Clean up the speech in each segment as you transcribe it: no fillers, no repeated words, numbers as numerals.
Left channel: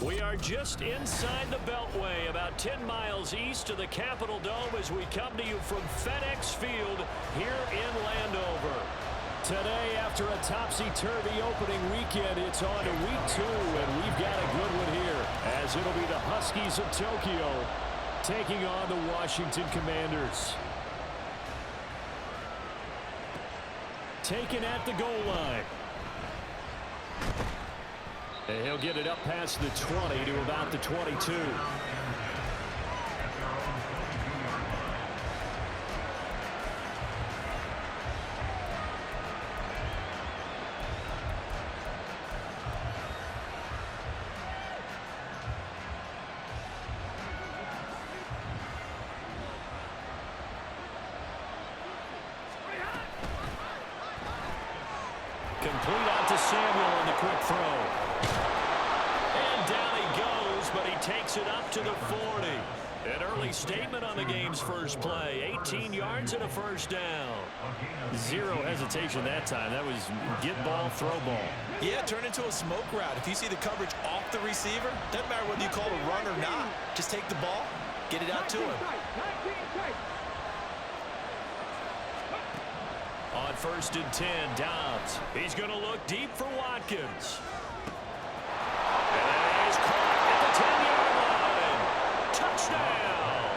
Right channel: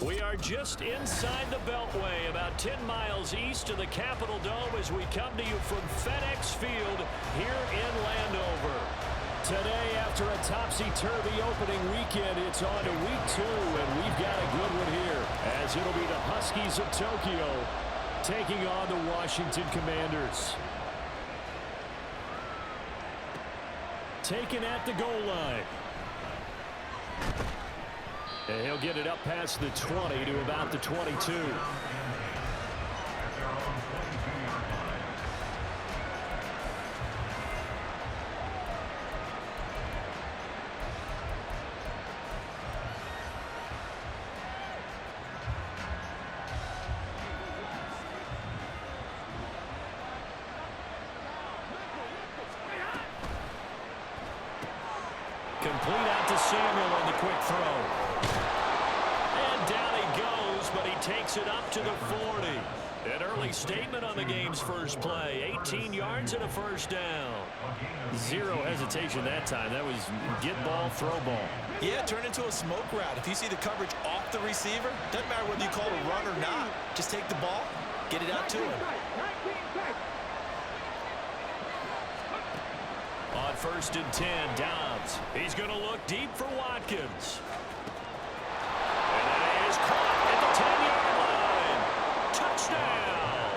We are just inside the Beltway, about 10 miles east of the Capitol Dome as we come to you from FedEx Field here in Landover. Today, after a topsy-turvy opening weekend, it's on to week 2, and we've got a good one here, as it'll be the Huskies of Tokyo taking on the Washington Commanders. Taken at the goal line. And he'll get it up past the 20 to about the 22. Complete out to Samuel on the quick throw. And down he goes, but he takes it up to the 40. An early statement on the game's first play. 18 yards and a first down. Zero hesitation that time. That was get ball, throw ball. Yeah, turn into a smoke route. If you see the coverage off the receiver, doesn't matter whether you call it a run or not. Just take the ball, get it out to him. On 1st and 10, Dobbs. He's going to look deep for Watkins. And that is caught at the 10-yard line. Touchdown!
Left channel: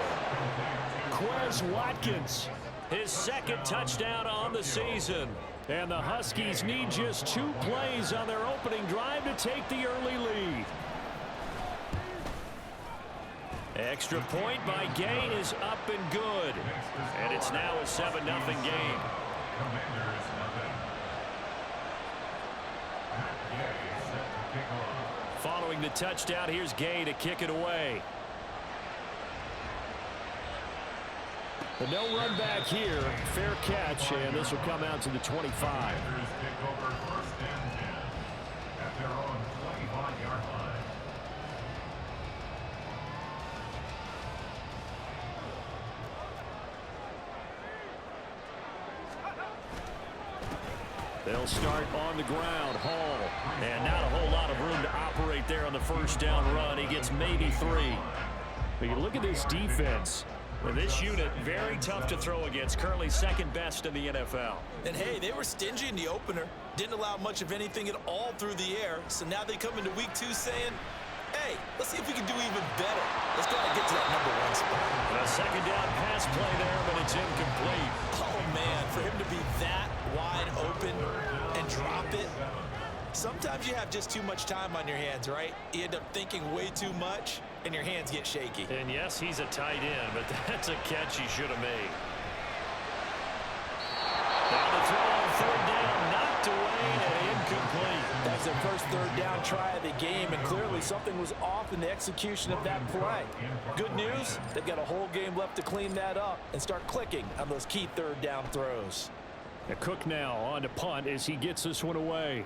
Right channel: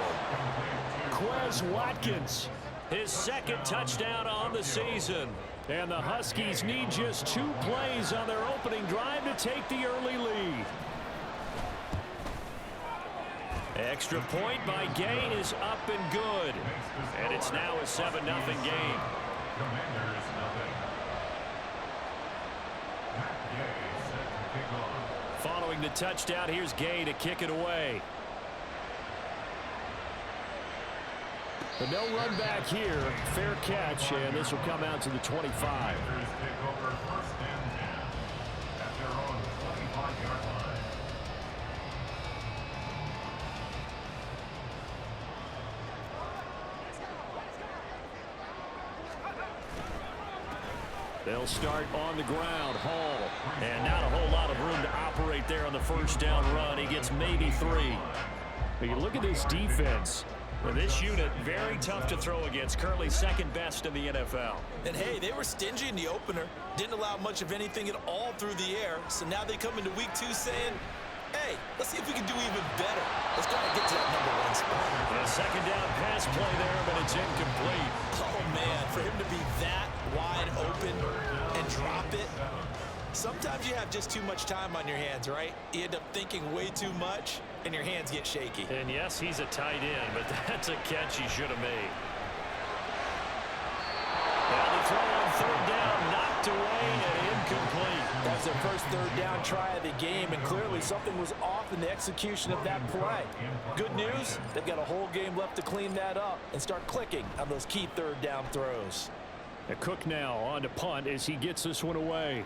Quez Watkins, his second touchdown on the season. And the Huskies need just 2 plays on their opening drive to take the early lead. Extra point by Gay is up and good. And it's now a 7-0 game. Commanders nothing. Gay set to kick off. Following the touchdown, here's Gay to kick it away. But no run back here. Fair catch, and this will come out to the 25. Commanders take over 1st and 10 at their own 25-yard line. They'll start on the ground. Hall. And not a whole lot of room to operate there on the first down run. He gets maybe 3. But you look at this defense. Well, this unit, very tough to throw against. Currently second best in the NFL. And, hey, they were stingy in the opener. Didn't allow much of anything at all through the air. So now they come into week 2 saying, hey, let's see if we can do even better. Let's go ahead and get to that #1 spot. And a second down pass play there, but it's incomplete. Oh, man, for him to be that wide open and drop it. Sometimes you have just too much time on your hands, right? You end up thinking way too much, and your hands get shaky. And, yes, he's a tight end, but that's a catch he should have made. Now the throw on 3rd down, knocked away and incomplete. That was their first 3rd down try of the game, and clearly something was off in the execution of that play. Good news, they've got a whole game left to clean that up and start clicking on those key 3rd down throws. A Cook now on to punt as he gets this one away.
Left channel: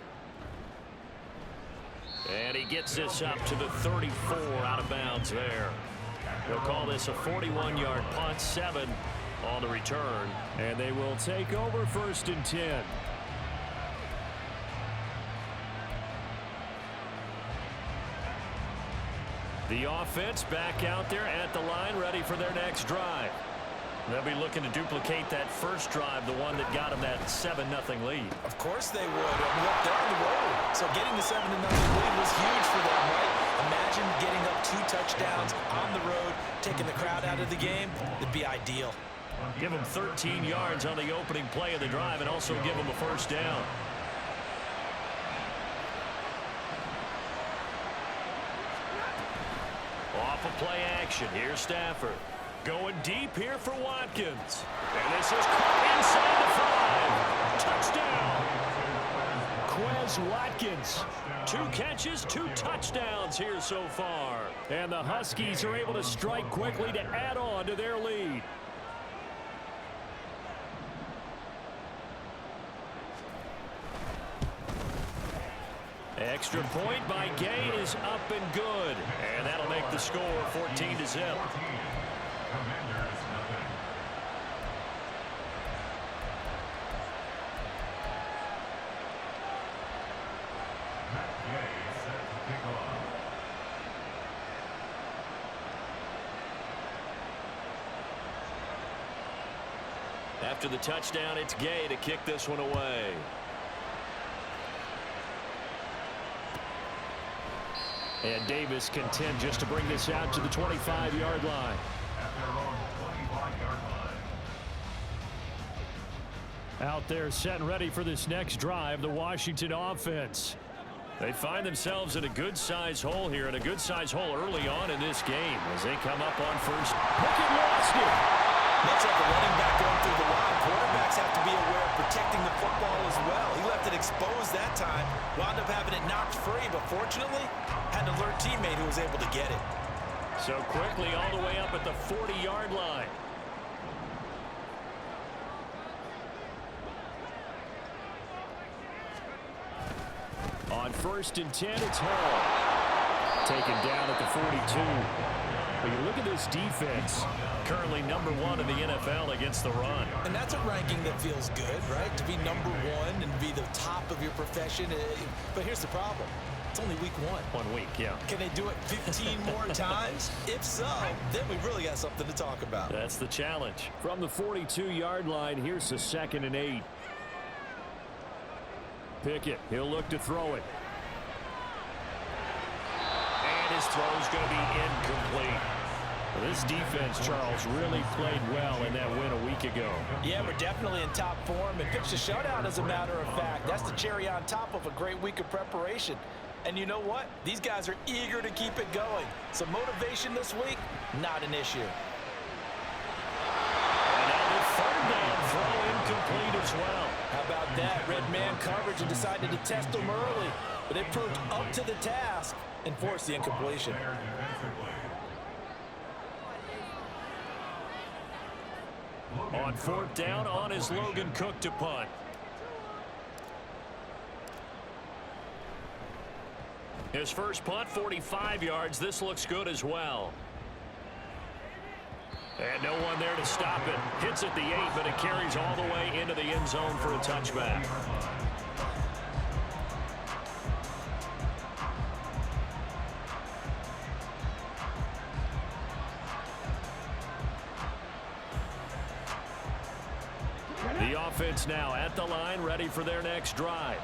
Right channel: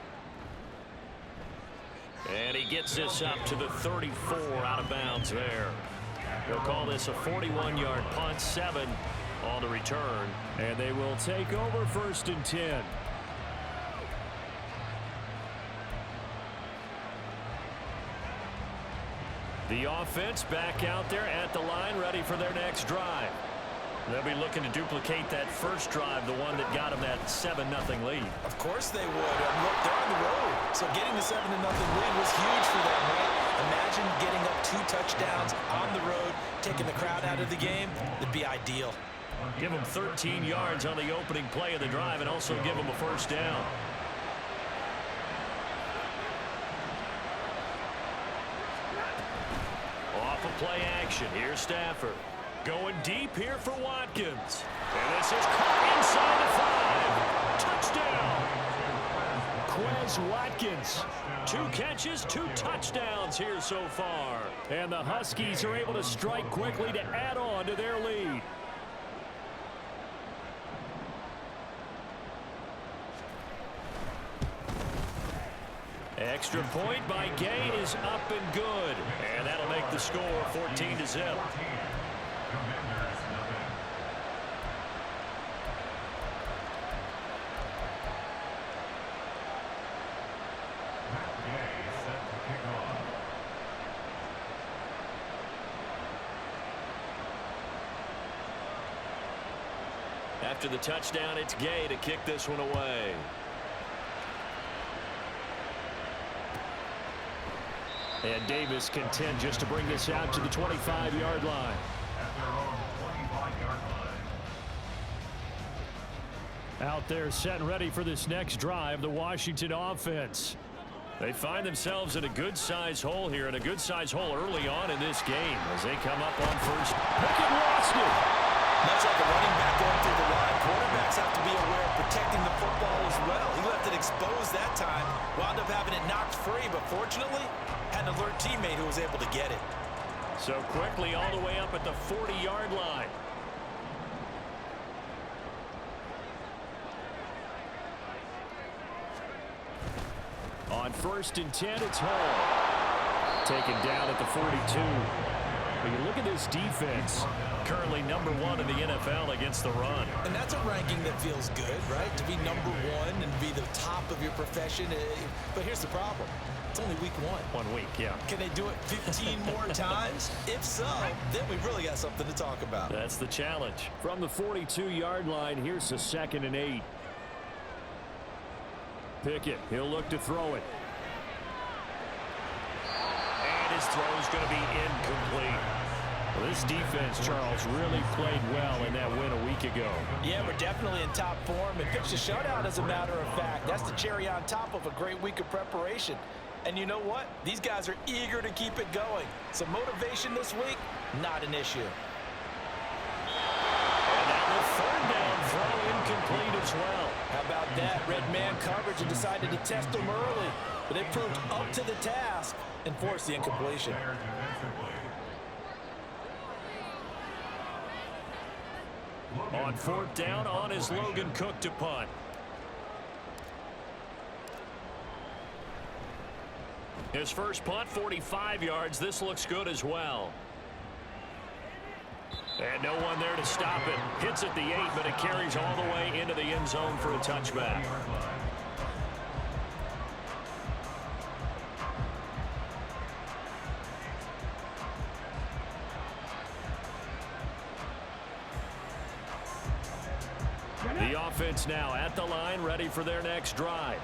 And he gets this up to the 34 out of bounds there. They'll call this a 41-yard punt, 7 on the return. And they will take over 1st and 10. The offense back out there at the line, ready for their next drive. They'll be looking to duplicate that first drive, the one that got them that 7-0 lead. Of course they would. Look, they're on the road. So getting the 7-0 lead was huge for them, right? Imagine getting up 2 touchdowns on the road, taking the crowd out of the game. It'd be ideal. Give them 13 yards on the opening play of the drive and also give them a first down. Off of play action. Here's Stafford. Going deep here for Watkins. And this is caught inside the 5. Touchdown. Quez Watkins. 2 catches, 2 touchdowns here so far. And the Huskies are able to strike quickly to add on to their lead. Extra point by Gay is up and good. And that'll make the score 14-0. Commanders, nothing. Matt Gay set to kick off. After the touchdown, it's Gay to kick this one away. And Davis content just to bring this out to the 25-yard line. At their own 25-yard line. Out there set and ready for this next drive, the Washington offense. They find themselves in a good-sized hole here, and a good-sized hole early on in this game as they come up on first. Pickett lost it. Much like a running back going through the line, quarterbacks have to be aware of protecting the football as well. He left it exposed that time, wound up having it knocked free, but fortunately, had an alert teammate who was able to get it. So quickly all the way up at the 40-yard line. On 1st and 10, it's Hall. Taken down at the 42. But you look at this defense, currently number 1 in the NFL against the run. And that's a ranking that feels good, right? To be number 1 and be the top of your profession. But here's the problem. It's only week 1. 1 week, yeah. Can they do it 15 more times? If so, then we've really got something to talk about. That's the challenge. From the 42-yard line, here's a 2nd and 8. Pickett, he'll look to throw it. And his throw's going to be incomplete. Well, this defense, Charles, really played well in that win a week ago. Yeah, we're definitely in top form and pitched a shutout, as a matter of fact. That's the cherry on top of a great week of preparation. And you know what? These guys are eager to keep it going. So motivation this week, not an issue. And now the 3rd down throw incomplete as well. How about that? Red man coverage and decided to test them early. But they proved up to the task and forced the incompletion. There defensively. On 4th down, on is Logan Cook to punt. His first punt, 45 yards. This looks good as well. And no one there to stop it. Hits at the 8, but it carries all the way into the end zone for a touchback. The offense now at the line, ready for their next drive.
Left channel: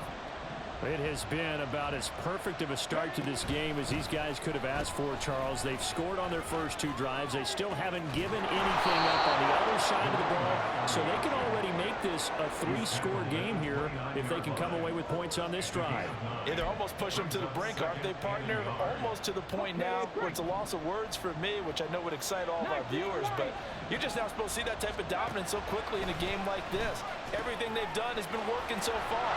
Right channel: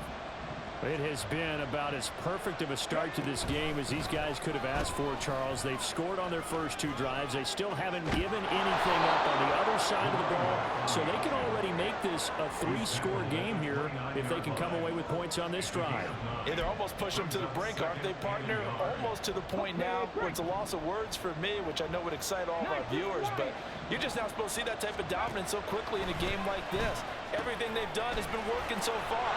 It has been about as perfect of a start to this game as these guys could have asked for, Charles. They've scored on their first 2 drives. They still haven't given anything up on the other side of the ball, so they can already make this a 3-score game here if they can come away with points on this drive. Yeah, they're almost pushing them to the brink, aren't they, partner? Almost to the point now where it's a loss of words for me, which I know would excite all of our viewers, but you're just now supposed to see that type of dominance so quickly in a game like this. Everything they've done has been working so far.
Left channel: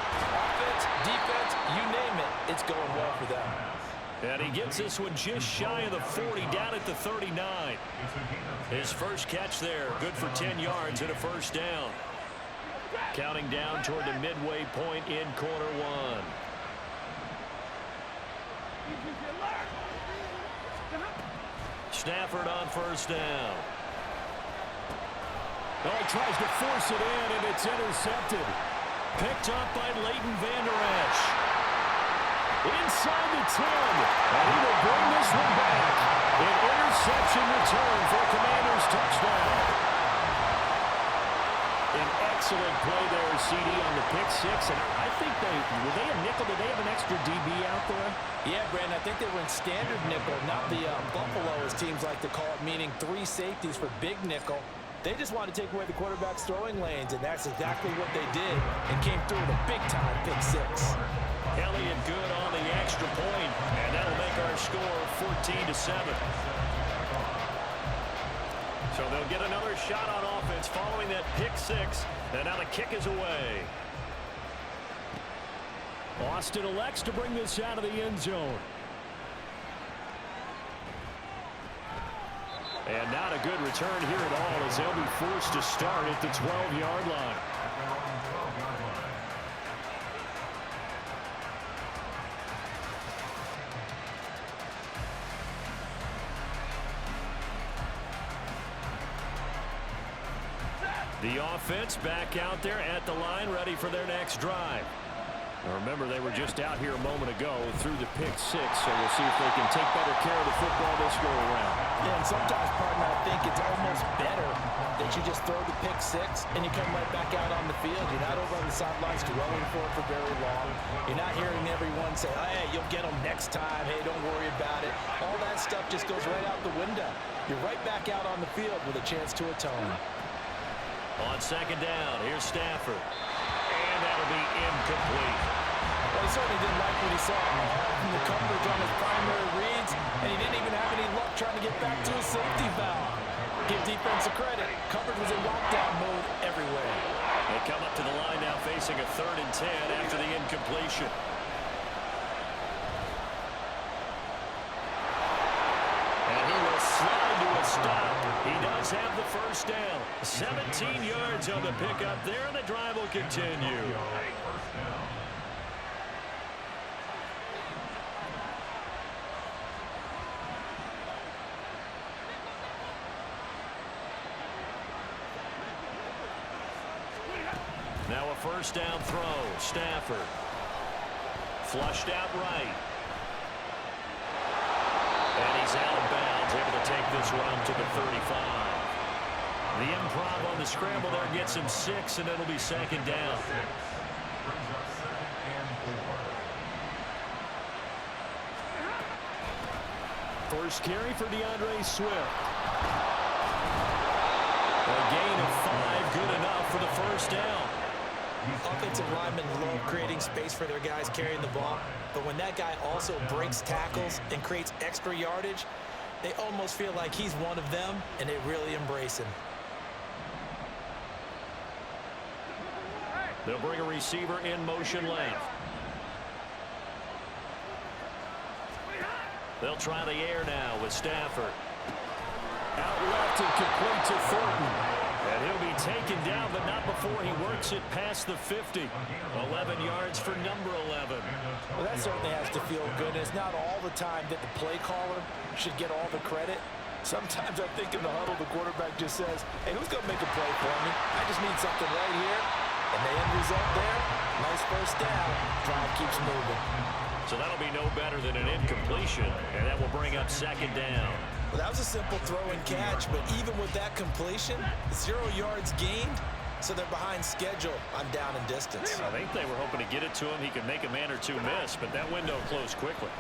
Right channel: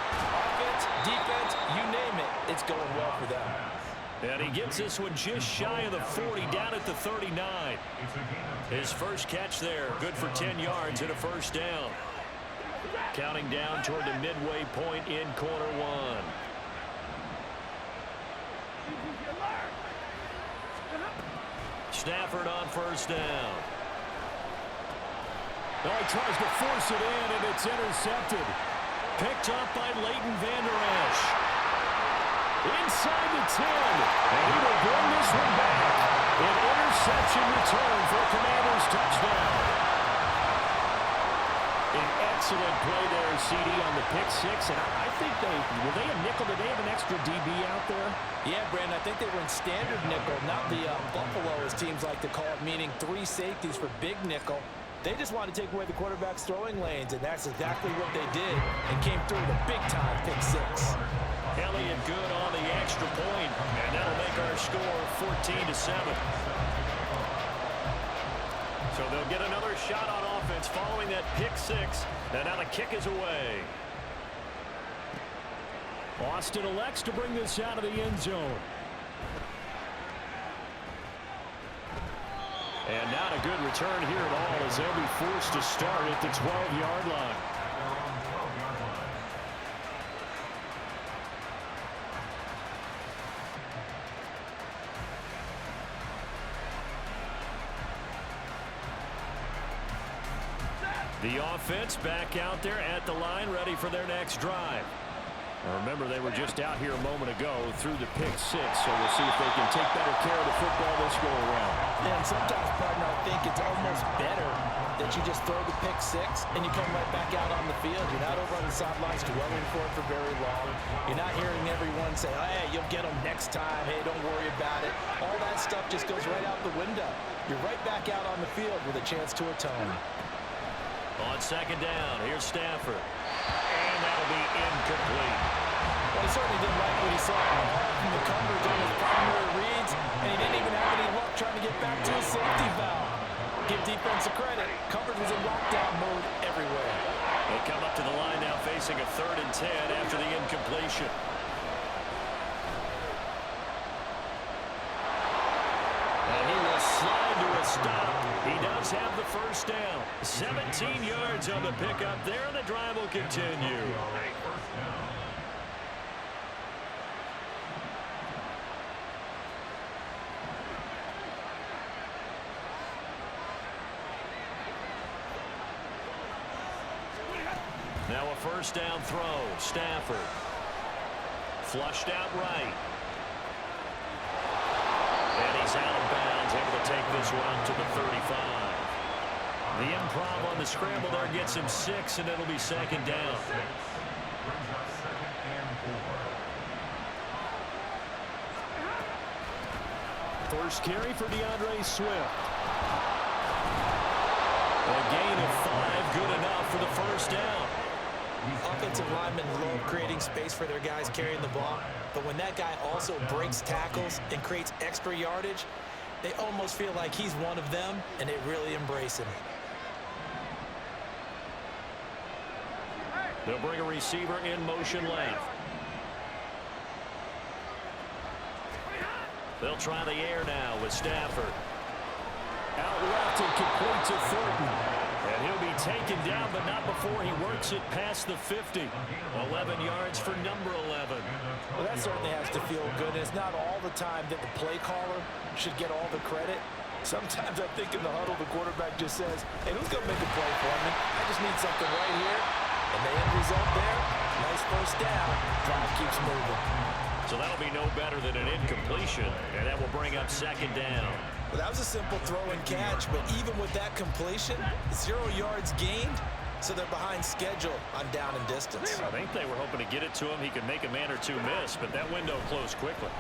Offense, defense, you name it, it's going well for them. And he gets this one just shy of the 40, down at the 39. His first catch there, good for 10 yards and a 1st down. Counting down toward the midway point in quarter 1. Stafford on 1st down. Oh, he tries to force it in, and it's intercepted. Picked up by Leighton Vander Esch. Inside the 10, and he will bring this one back. An interception return for a Commanders touchdown. An excellent play there, CD, on the pick 6, and I think were they a nickel? Did they have an extra DB out there? Yeah, Brandon, I think they were in standard nickel, not the Buffalo, as teams like to call it, meaning 3 safeties for big nickel. They just wanted to take away the quarterback's throwing lanes, and that's exactly what they did, and came through with a big-time pick 6. Elliott good on the extra point, and that'll make our score 14-7. So they'll get another shot on offense following that pick 6, and now the kick is away. Austin elects to bring this out of the end zone. And not a good return here at all, as they'll be forced to start at the 12-yard line. At their own 12-yard line. The offense back out there at the line, ready for their next drive. Now remember, they were just out here a moment ago through the pick six, so we'll see if they can take better care of the football this go-around. Yeah, and sometimes, partner, I think it's almost better that you just throw the pick six and you come right back out on the field. You're not over on the sidelines dwelling for it for very long. You're not hearing everyone say, oh, hey, you'll get them next time. Hey, don't worry about it. All that stuff just goes right out the window. You're right back out on the field with a chance to atone. On second down, here's Stafford. And that'll be incomplete. Well, he certainly didn't like what he saw from the coverage on his primary reads, and he didn't even have any luck trying to get back to his safety valve. Give defense a credit. Coverage was in lockdown mode everywhere. They come up to the line now facing a 3rd and 10 after the incompletion. And he will slide to a stop. He does have the first down. 17 yards on the pickup there, and the drive will continue. First down. Now a first down throw. Stafford. Flushed out right. And he's out of bounds, able to take this one up to the 35. The improv on the scramble there gets him 6, and it'll be second down. Brings up 2nd and 4. First carry for DeAndre Swift. A gain of 5, good enough for the first down. Offensive linemen love creating space for their guys carrying the ball, but when that guy also breaks tackles and creates extra yardage, they almost feel like he's one of them, and they really embrace him. They'll bring a receiver in motion left. They'll try the air now with Stafford. Out left and complete to Thornton. And he'll be taken down, but not before he works it past the 50. 11 yards for number 11. Well, that certainly has to feel good. It's not all the time that the play caller should get all the credit. Sometimes I think in the huddle, the quarterback just says, hey, who's going to make a play for me? I just need something right here. And the end result there, nice first down. Drive keeps moving. So that'll be no better than an incompletion, and that will bring up second down. Well, that was a simple throw and catch, but even with that completion, 0 yards gained, so they're behind schedule on down and distance. I think they were hoping to get it to him. He could make a man or two miss, but that window closed quickly.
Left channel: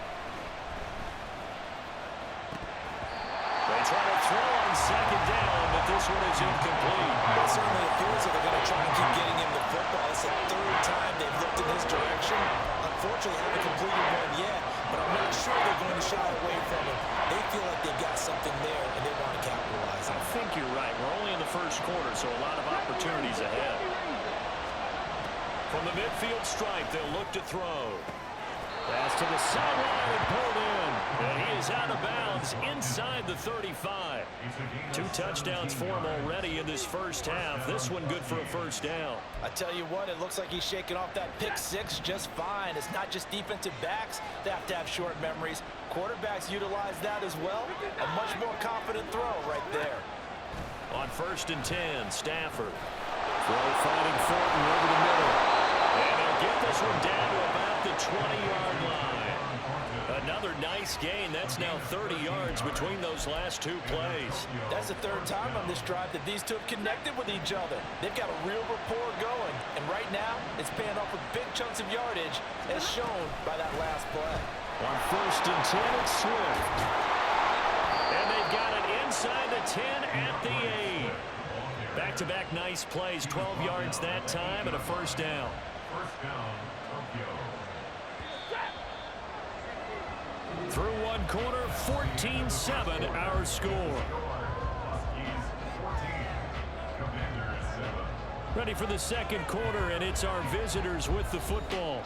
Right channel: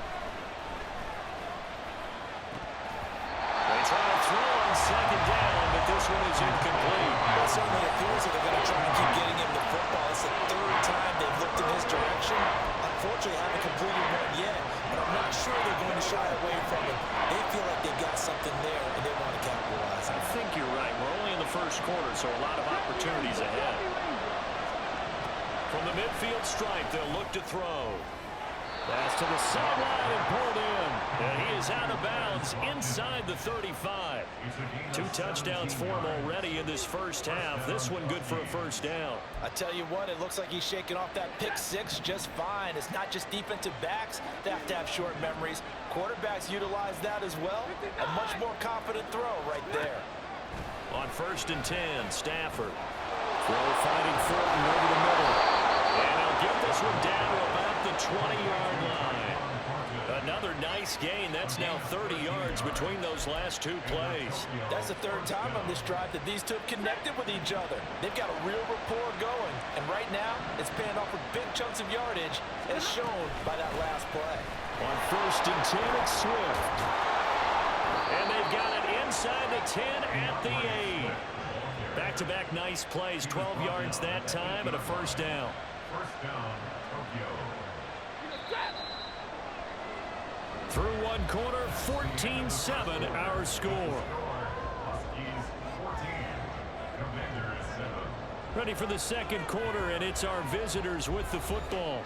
They try to throw on second down, but this one is incomplete. Well, it certainly appears that they're going to try and keep getting him the football. It's the 3rd time they've looked in his direction. Unfortunately, haven't completed one yet, but I'm not sure they're going to shy away from him. They feel like they've got something there, and they want to capitalize on it. I think you're right. We're only in the first quarter, so a lot of opportunities ahead. From the midfield stripe, they'll look to throw. Pass to the sideline and pulled in. And he is out of bounds inside the 35. 2 touchdowns for him already in this first half. This one good for a first down. I tell you what, it looks like he's shaking off that pick six just fine. It's not just defensive backs that have to have short memories. Quarterbacks utilize that as well. A much more confident throw right there. On 1st and 10, Stafford. Throw finding Thornton over the middle. And he'll get this one down to about the 20-yard line. Another nice gain. That's now 30 yards between those last 2 plays. That's the 3rd time on this drive that these two have connected with each other. They've got a real rapport going. And right now, it's paying off with big chunks of yardage, as shown by that last play. On 1st and 10, it's Swift. And they've got it inside the 10 at the 8. Back-to-back nice plays, 12 yards that time and a first down. First down, Tokyo. Through one quarter, 14-7 our score. Huskies 14, Commanders 7. Ready for the second quarter, and it's our visitors with the football.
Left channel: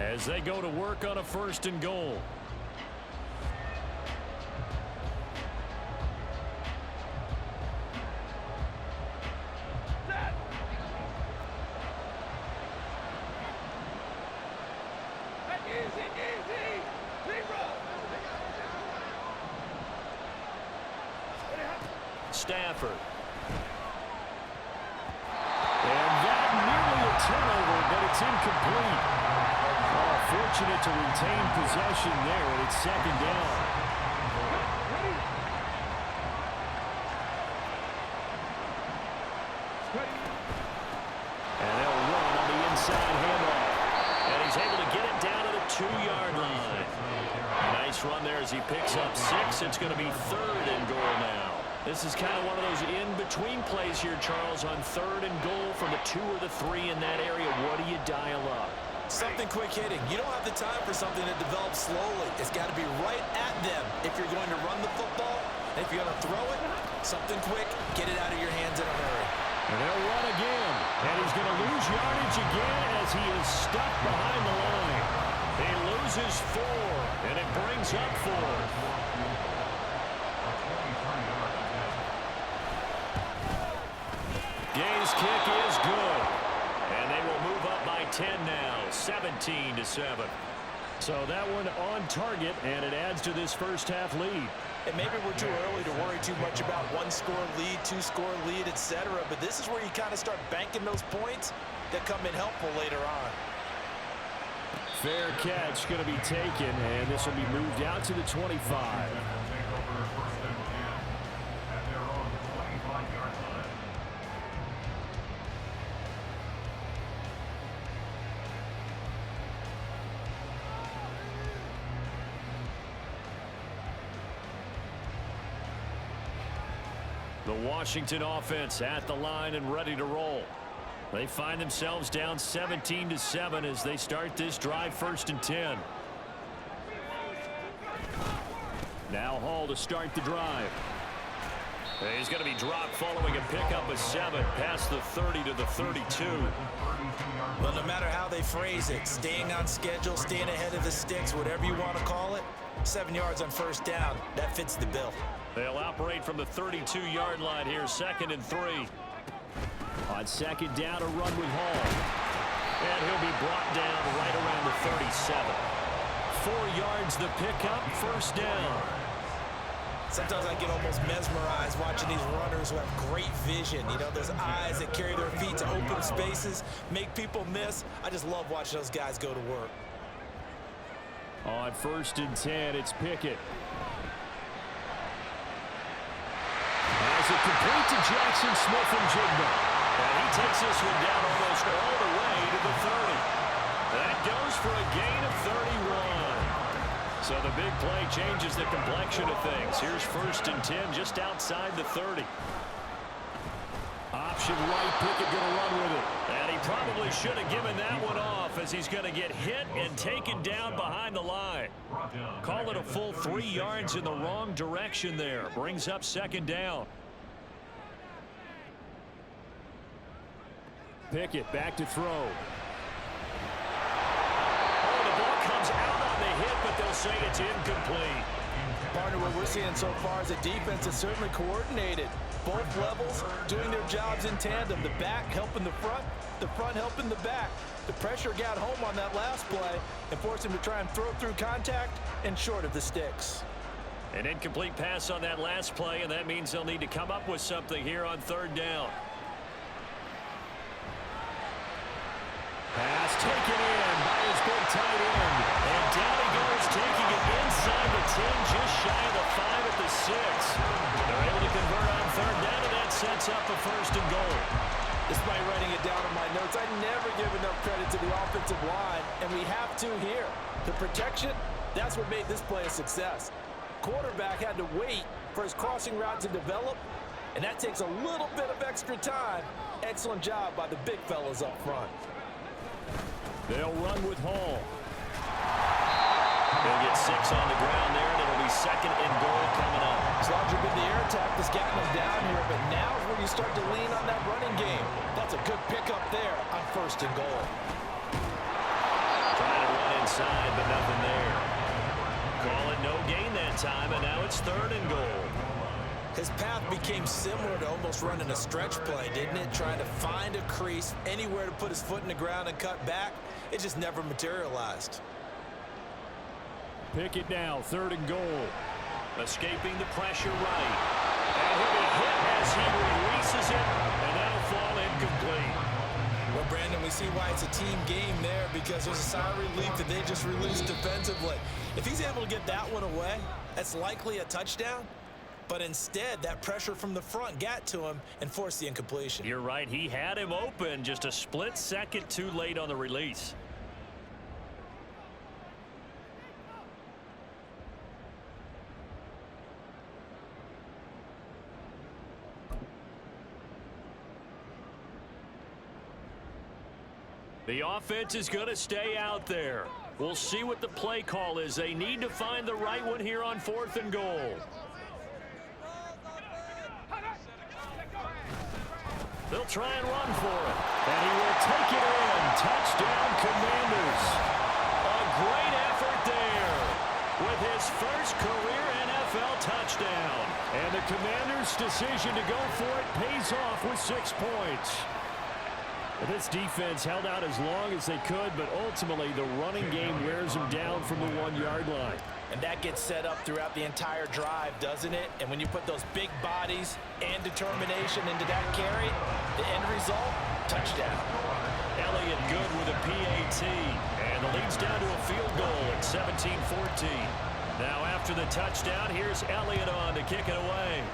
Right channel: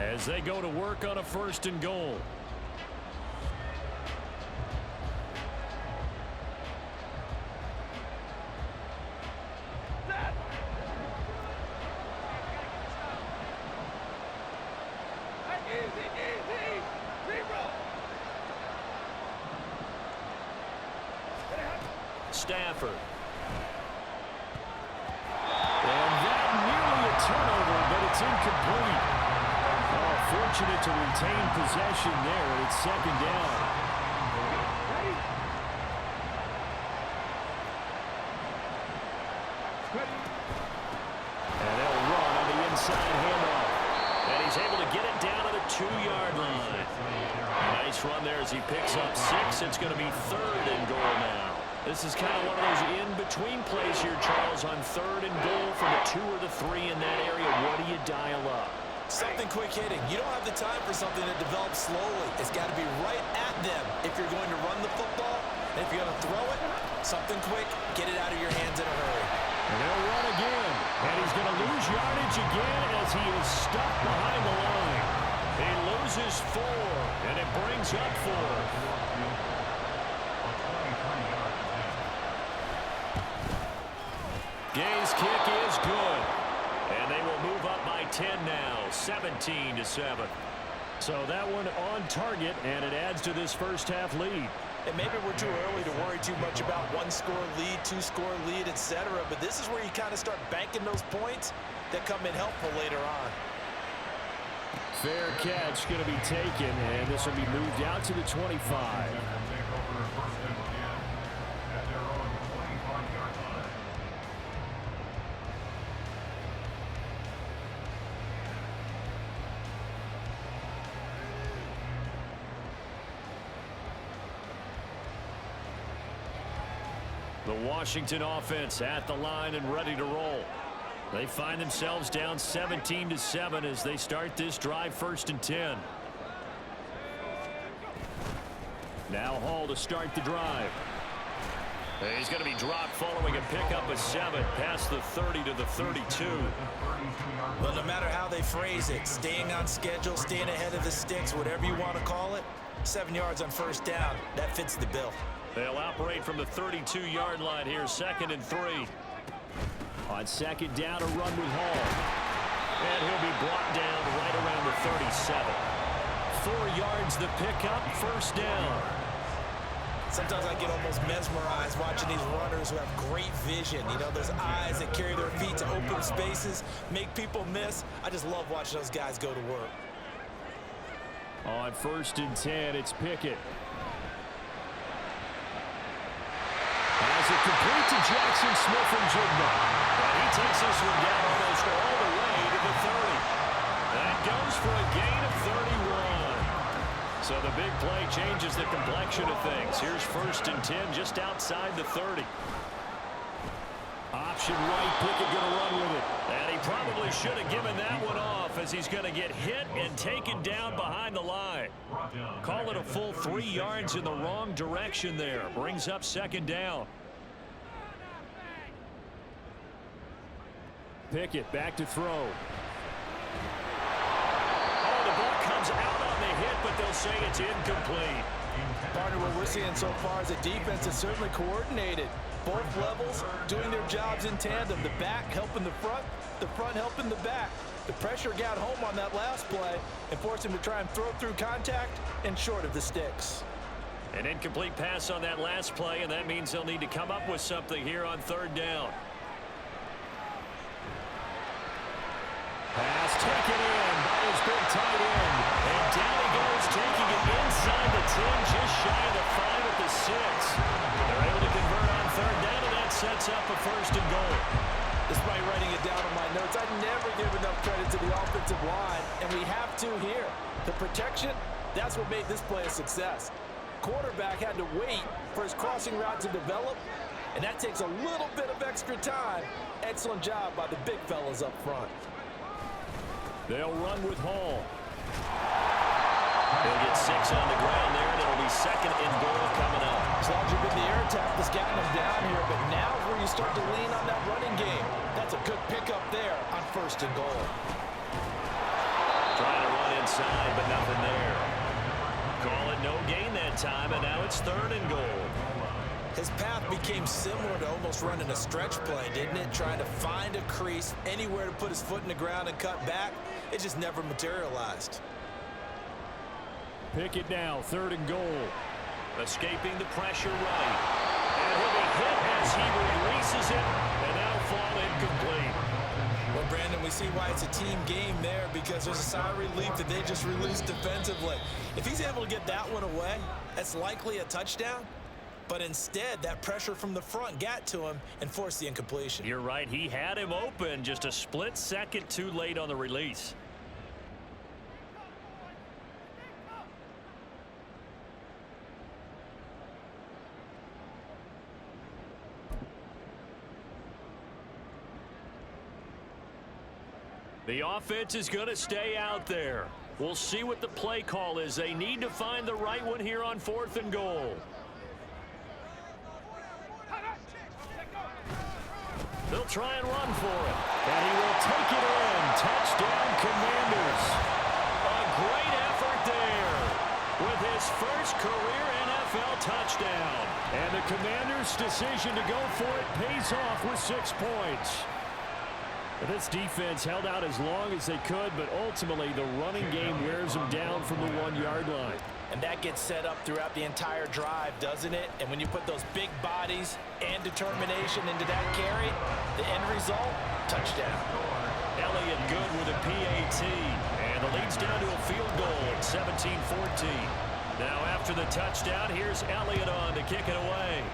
as they go to work on a 1st and goal. Stafford. And that nearly a turnover, but it's incomplete. Oh, fortunate to retain possession there, and it's 2nd down. And they'll run on the inside handoff. And he's able to get it down to the 2-yard line. Nice run there as he picks up 6. It's going to be 3rd and goal now. This is kind of one of those in-between plays here, Charles, on 3rd and goal from the 2 or the 3 in that area. What do you dial up? Something quick hitting. You don't have the time for something that develops slowly. It's got to be right at them if you're going to run the football. And if you're going to throw it, something quick, get it out of your hands in a hurry. And they'll run again. And he's going to lose yardage again as he is stuck behind the line. He loses 4, and it brings up 4th. Gay's kick is good. And they will move up by 10 now, 17-7. So that one on target, and it adds to this first half lead. And maybe we're too early to worry too much about 1-score lead, 2-score lead, etc. But this is where you kind of start banking those points that come in helpful later on. Fair catch going to be taken, and this will be moved out to the 25. The Washington offense at the line and ready to roll. They find themselves down 17-7 as they start this drive, 1st and 10. Now Hall to start the drive. He's going to be dropped following a pickup of 7 past the 30 to the 32. Well, no matter how they phrase it, staying on schedule, staying ahead of the sticks, whatever you want to call it, 7 yards on 1st down, that fits the bill. They'll operate from the 32-yard line here, 2nd and 3. On 2nd down, a run with Hall. And he'll be brought down right around the 37. 4 yards the pickup, 1st down. Sometimes I get almost mesmerized watching these runners who have great vision. You know, those eyes that carry their feet to open spaces, make people miss. I just love watching those guys go to work. On 1st and 10, it's Pickett. As it complete to Jackson Smith and Jigba. And he takes this one down almost all the way to the 30. That goes for a gain of 31. So the big play changes the complexion of things. Here's 1st and 10 just outside the 30. Option right, Pickett going to run with it. And he probably should have given that one off as he's going to get hit and taken down behind the line. Call it a full 3 yards in the wrong direction there. Brings up 2nd down. Pickett back to throw. Oh, the ball comes out on the hit, but they'll say it's incomplete. Partner, what we're seeing so far is the defense is certainly coordinated. Both levels doing their jobs in tandem. The back helping the front helping the back. The pressure got home on that last play and forced him to try and throw through contact and short of the sticks. An incomplete pass on that last play, and that means they'll need to come up with something here on 3rd down. Pass taken in by his big tight end. And down he goes, taking it inside the 10, just shy of the 5 at the 6. They're able to convert on 3rd down, and that sets up a 1st and goal. Despite writing it down on my notes, I never give enough credit to the offensive line, and we have to here. The protection, that's what made this play a success. Quarterback had to wait for his crossing route to develop, and that takes a little bit of extra time. Excellent job by the big fellas up front. They'll run with Hall. He'll get 6 on the ground there, and it'll be 2nd and goal coming up. As long as you've been the air attack that's gotten them down here, but now is where you start to lean on that running game. That's a good pickup there on 1st and goal. Trying to run inside, but nothing there. Call it no gain that time, and now it's 3rd and goal. His path became similar to almost running a stretch play, didn't it? Trying to find a crease, anywhere to put his foot in the ground and cut back. It just never materialized. Pick it now, 3rd and goal. Escaping the pressure right. And he'll be hit as he releases it, and that'll fall incomplete. Well, Brandon, we see why it's a team game there, because there's a sigh of relief that they just released defensively. If he's able to get that one away, that's likely a touchdown. But instead, that pressure from the front got to him and forced the incompletion. You're right. He had him open, just a split second too late on the release. The offense is going to stay out there. We'll see what the play call is. They need to find the right one here on 4th and goal. They'll try and run for it. And he will take it in. Touchdown, Commanders. A great effort there with his first career NFL touchdown. And the Commanders' decision to go for it pays off with 6 points. This defense held out as long as they could, but ultimately the running game wears them down from the 1-yard line. And that gets set up throughout the entire drive, doesn't it? And when you put those big bodies and determination into that carry, the end result, touchdown. Elliott good with a PAT. And the lead's down to a field goal at 17-14. Now after the touchdown, here's Elliott on to kick it away.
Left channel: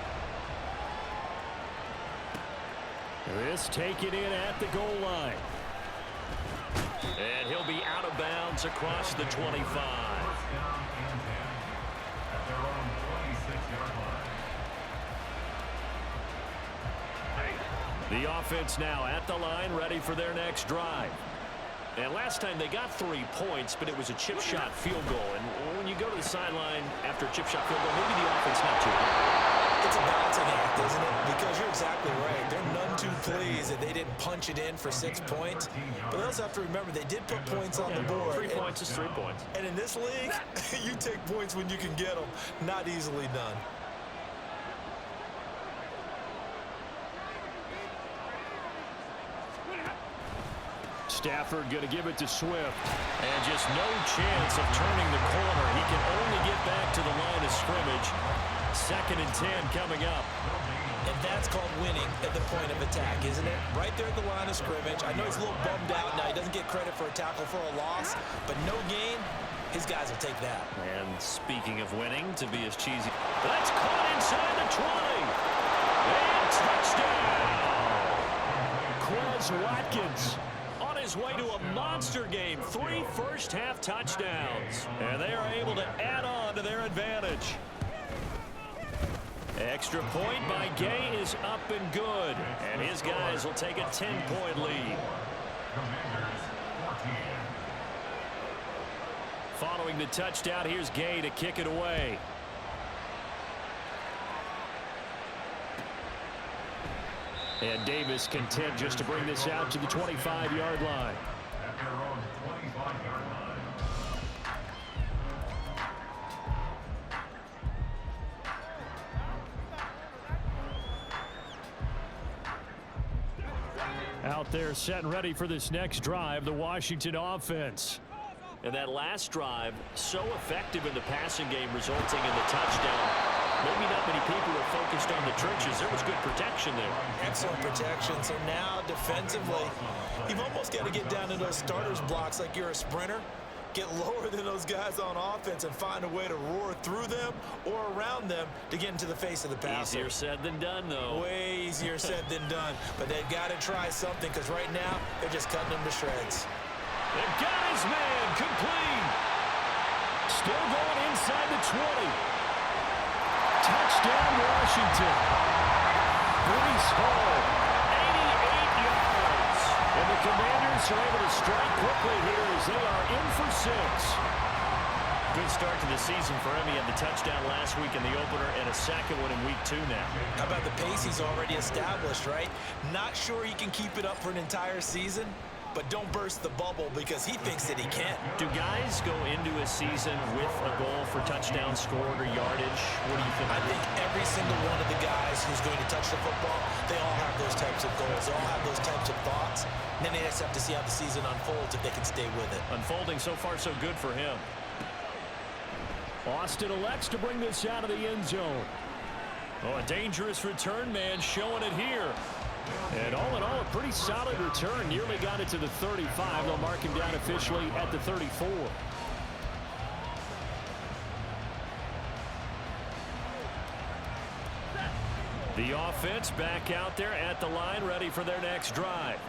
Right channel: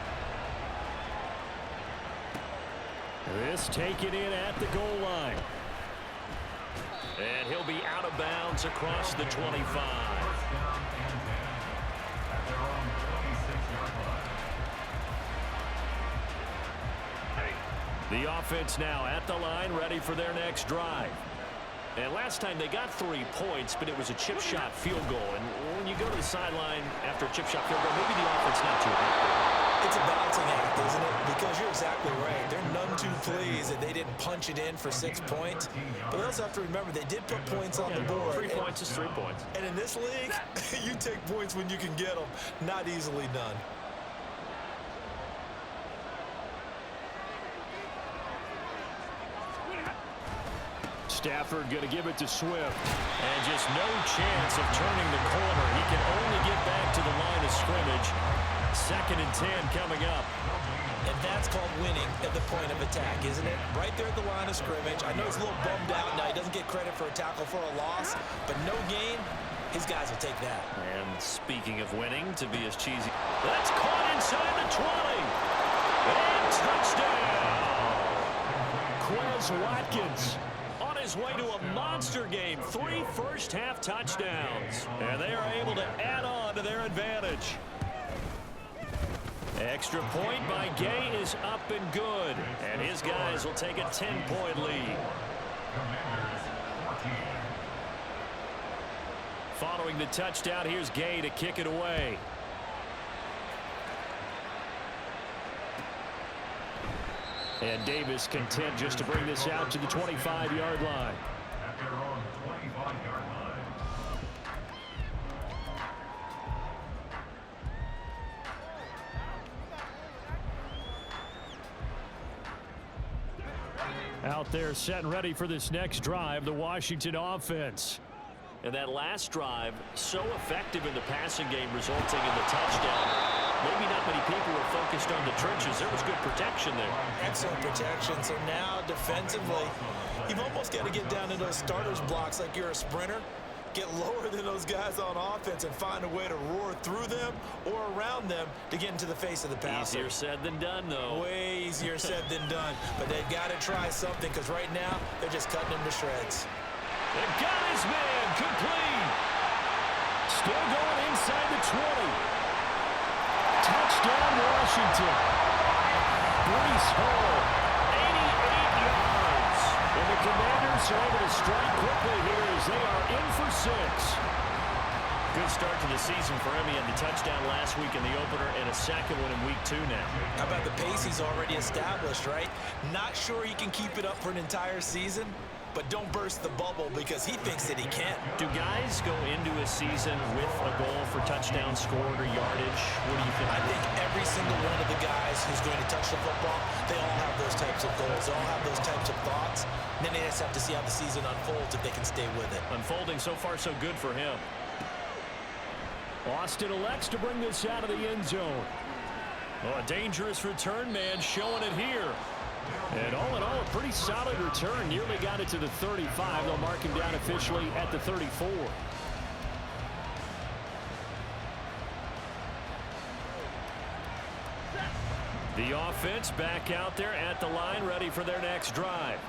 This taken in at the goal line. And he'll be out of bounds across the 25. First down and 10 at their own 26-yard line. The offense now at the line, ready for their next drive. And last time they got 3 points, but it was a chip shot field goal. And when you go to the sideline after a chip shot field goal, maybe the offense not too happy. It's a balancing act, isn't it? Because you're exactly right. They're none too pleased that they didn't punch it in for 6 points. But they also have to remember they did put points on the board. 3 points is 3 points. And in this league, you take points when you can get them. Not easily done. Stafford going to give it to Swift. And just no chance of turning the corner. He can only get back to the line of scrimmage. 2nd and 10 coming up. And that's called winning at the point of attack, isn't it? Right there at the line of scrimmage. I know he's a little bummed out now. He doesn't get credit for a tackle for a loss, but no gain, his guys will take that. And speaking of winning, to be as cheesy, that's caught inside the 20. And touchdown! Quez Watkins on his way to a monster game. 3 first-half touchdowns. And they are able to add on to their advantage. Extra point by Gay is up and good. And his guys will take a 10-point lead. Commanders 14. Following the touchdown, here's Gay to kick it away. And Davis content just to bring this out to the 25-yard line. At their own 25-yard line. Out there set and ready for this next drive, the Washington offense. And that last drive, so effective in the passing game, resulting in the touchdown. Maybe not many people were focused on the trenches. There was good protection there. Excellent protection. So now defensively, you've almost got to get down to those starters blocks like you're a sprinter. Get lower than those guys on offense and find a way to roar through them or around them to get into the face of the passer. Easier said than done, though. Way easier said than done. But they've got to try something, because right now they're just cutting them to shreds. They've got his man complete. Still going inside the 20. Touchdown, Washington. Breece Hall, 88 yards. And the Commanders are able to strike quickly here as they are in for 6. Good start to the season for him. He had the touchdown last week in the opener and a second one in week 2 now. How about the pace he's already established, right? Not sure he can keep it up for an entire season, but don't burst the bubble because he thinks that he can. Do guys go into a season with a goal for touchdown scored or yardage? What do you think? I think every single one of the guys who's going to touch the football, they all have those types of goals. They all have those types of thoughts. And then they just have to see how the season unfolds if they can stay with it. Unfolding so far so good for him. Austin elects to bring this out of the end zone. Oh, a dangerous return man showing it here. And all in all, a pretty solid return. Nearly got it to the 35. They'll mark him down officially at the 34. The offense back out there at the line, ready for their next drive.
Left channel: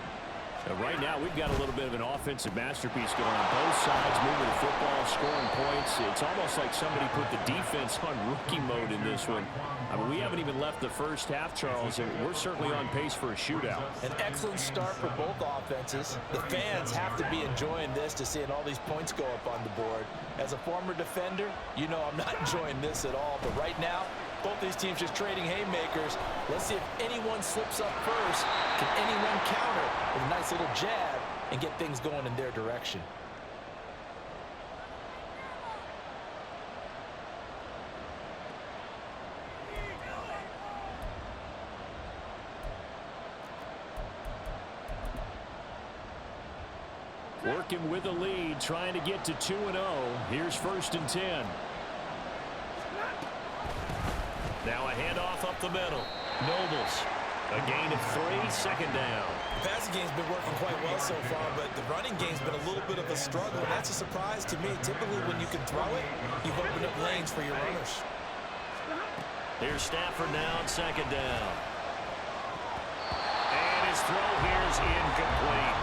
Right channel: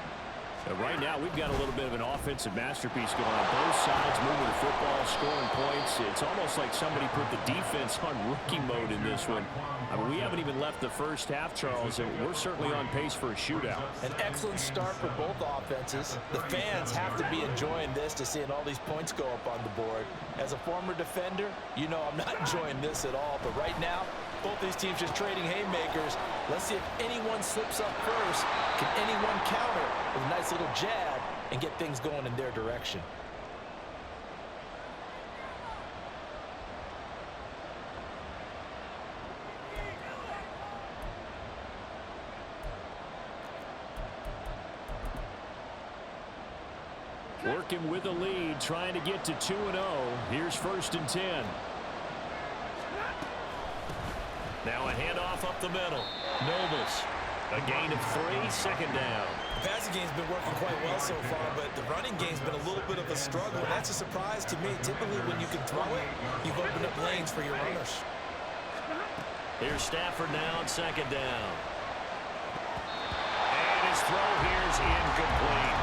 Right now, we've got a little bit of an offensive masterpiece going on both sides, moving the football, scoring points. It's almost like somebody put the defense on rookie mode in this one. I mean, we haven't even left the first half, Charles, and we're certainly on pace for a shootout. An excellent start for both offenses. The fans have to be enjoying this to seeing all these points go up on the board. As a former defender, you know I'm not enjoying this at all. But right now, both these teams just trading haymakers. Let's see if anyone slips up first. Can anyone counter with a nice little jab and get things going in their direction? Working with the lead, trying to get to 2-0. Here's 1st and 10. Now a handoff up the middle. Nobles. A gain of 3, 2nd down. The passing game's been working quite well so far, but the running game's been a little bit of a struggle. And that's a surprise to me. Typically, when you can throw it, you've opened up lanes for your runners. Here's Stafford now on 2nd down. And his throw here's incomplete.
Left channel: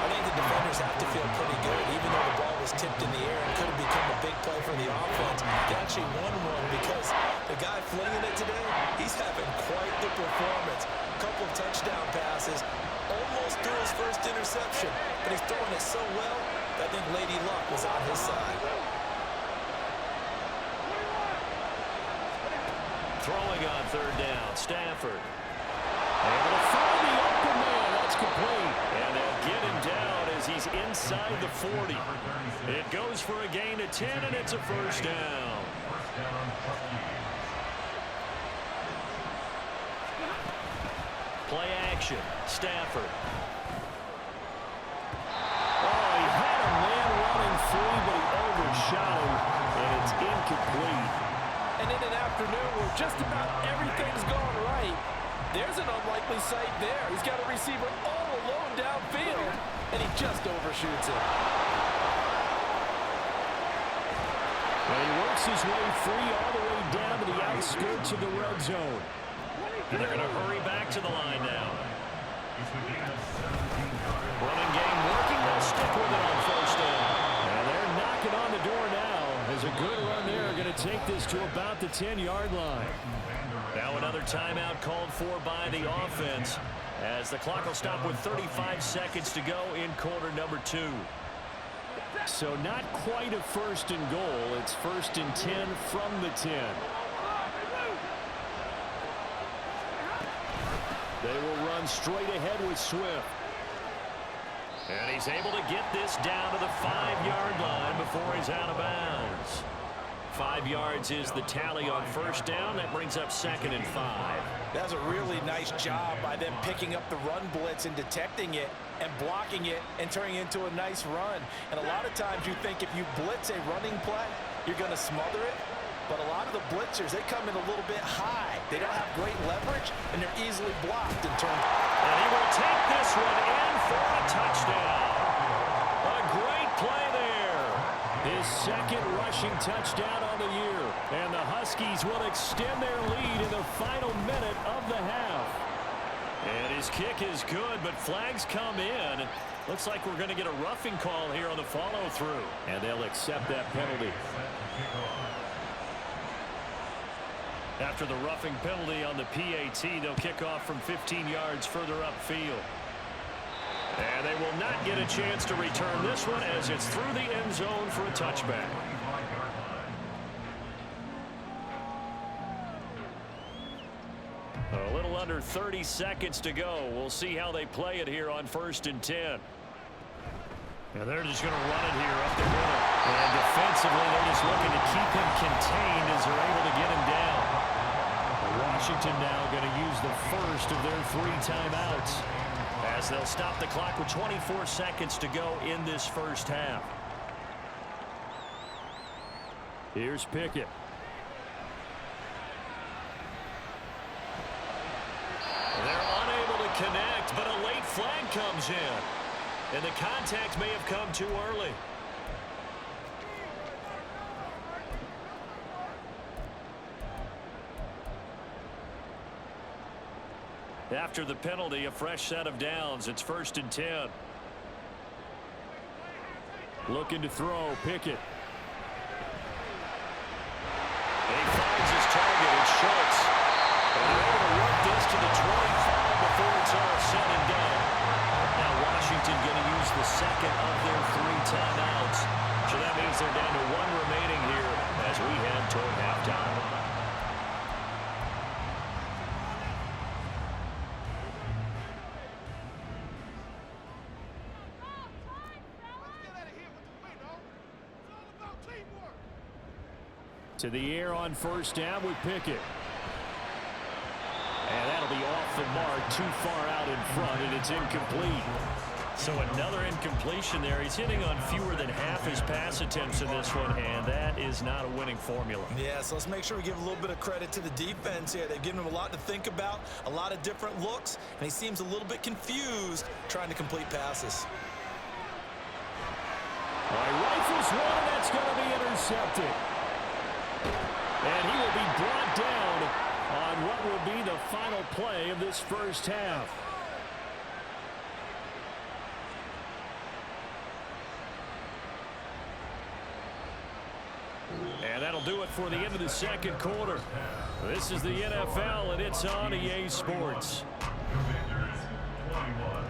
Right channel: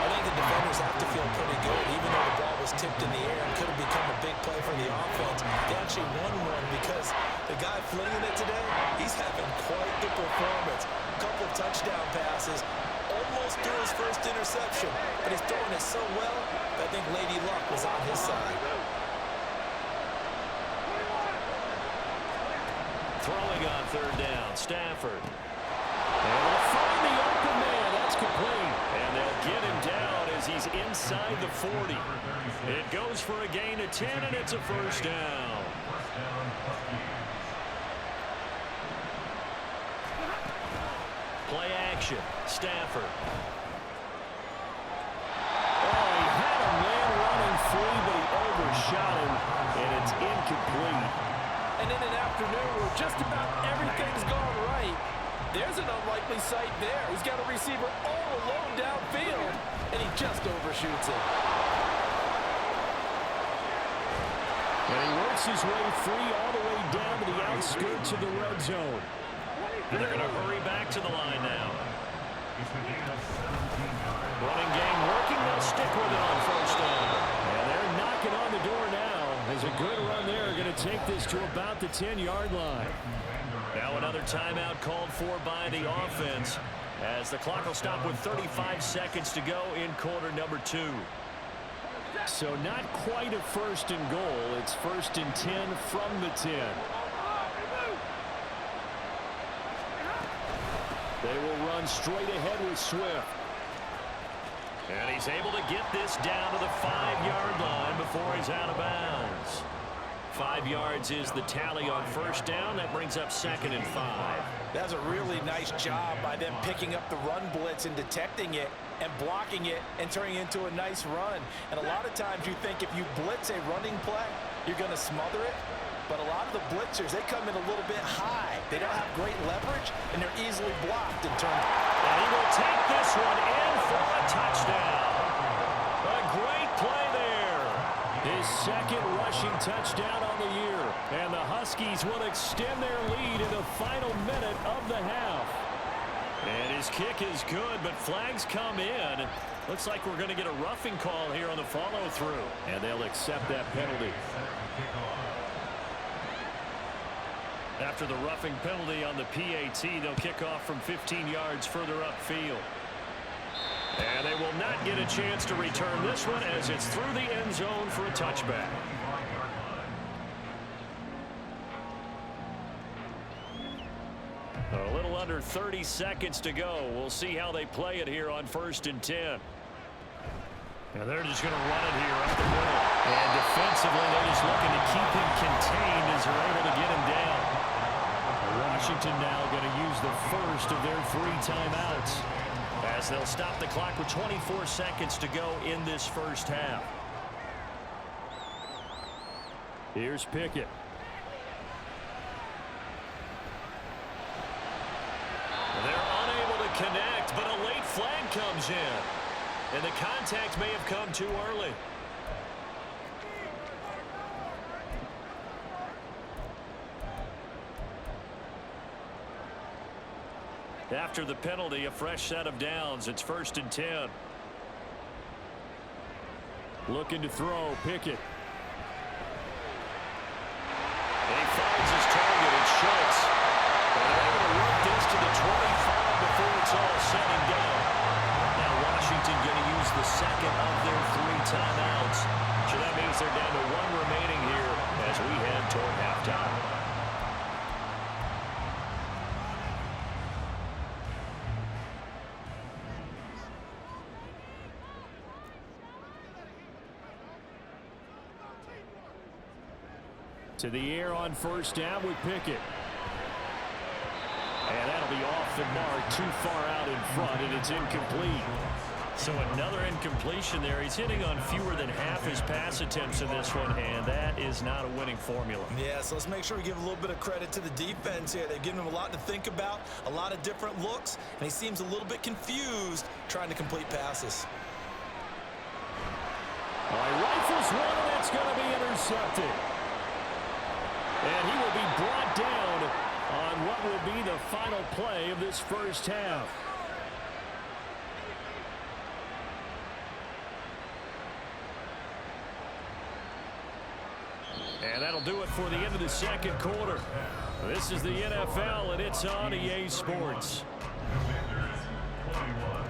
I think the defenders have to feel pretty good, even though the ball was tipped in the air and could have become a big play for the offense. They actually won one because the guy flinging it today, he's having quite the performance. A couple of touchdown passes, almost threw his first interception, but he's throwing it so well that I think Lady Luck was on his side. Throwing on 3rd down, Stafford. Able to find the open man. That's complete. And they'll get him down as he's inside the 40. It goes for a gain of 10, and it's a 1st down. Play action. Stafford. Oh, he had a man running free, but he overshot him, and it's incomplete. And in an afternoon where just about everything's gone right, there's an unlikely sight there. He's got a receiver all alone downfield, and he just overshoots it. And he works his way free all the way down to the outskirts of the red zone. And they're going to hurry back to the line now. Running game working. They'll stick with it on 1st down. And they're knocking on the door now. As a good run there, going to take this to about the 10-yard line. Now another timeout called for by the offense as the clock will stop with 35 seconds to go in quarter number 2. So not quite a 1st and goal. It's 1st and 10 from the 10. They will run straight ahead with Swift. And he's able to get this down to the 5-yard line before he's out of bounds. 5 yards is the tally on 1st down. That brings up 2nd and 5. That's a really nice job by them picking up the run blitz and detecting it and blocking it and turning it into a nice run. And a lot of times you think if you blitz a running play, you're going to smother it. But a lot of the blitzers, they come in a little bit high. They don't have great leverage, and they're easily blocked and turned. And he will take this one in for a touchdown. A great play there. His 2nd rushing touchdown on the year. And the Huskies will extend their lead in the final minute of the half. And his kick is good, but flags come in. Looks like we're going to get a roughing call here on the follow-through. And they'll accept that penalty. After the roughing penalty on the PAT, they'll kick off from 15 yards further upfield. And they will not get a chance to return this one as it's through the end zone for a touchback. A little under 30 seconds to go. We'll see how they play it here on 1st and 10. And they're just going to run it here up the middle. And defensively, they're just looking to keep him contained as they're able to get him down. Washington now going to use the first of their 3 timeouts as they'll stop the clock with 24 seconds to go in this first half. Here's Pickett. They're unable to connect, but a late flag comes in. And the contact may have come too early. After the penalty, a fresh set of downs. It's 1st and 10. Looking to throw, Pickett. He finds his target, it's Schultz. And they're able to work this to the 25 before it's all said and done. Now Washington going to use the second of their 3 timeouts. So that means they're down to 1 remaining here as we head toward halftime. To the air on 1st down with Pickett. And that'll be off the mark, too far out in front, and it's incomplete. So another incompletion there. He's hitting on fewer than half his pass attempts in this one, and that is not a winning formula. Yeah, so let's make sure we give a little bit of credit to the defense here. They've given him a lot to think about, a lot of different looks, and he seems a little bit confused trying to complete passes. All right, rifles one, and that's going to be intercepted. And he will be brought down on what will be the final play of this first half. And that'll do it for the end of the second quarter. This is the NFL, and it's on EA Sports. Commanders 21.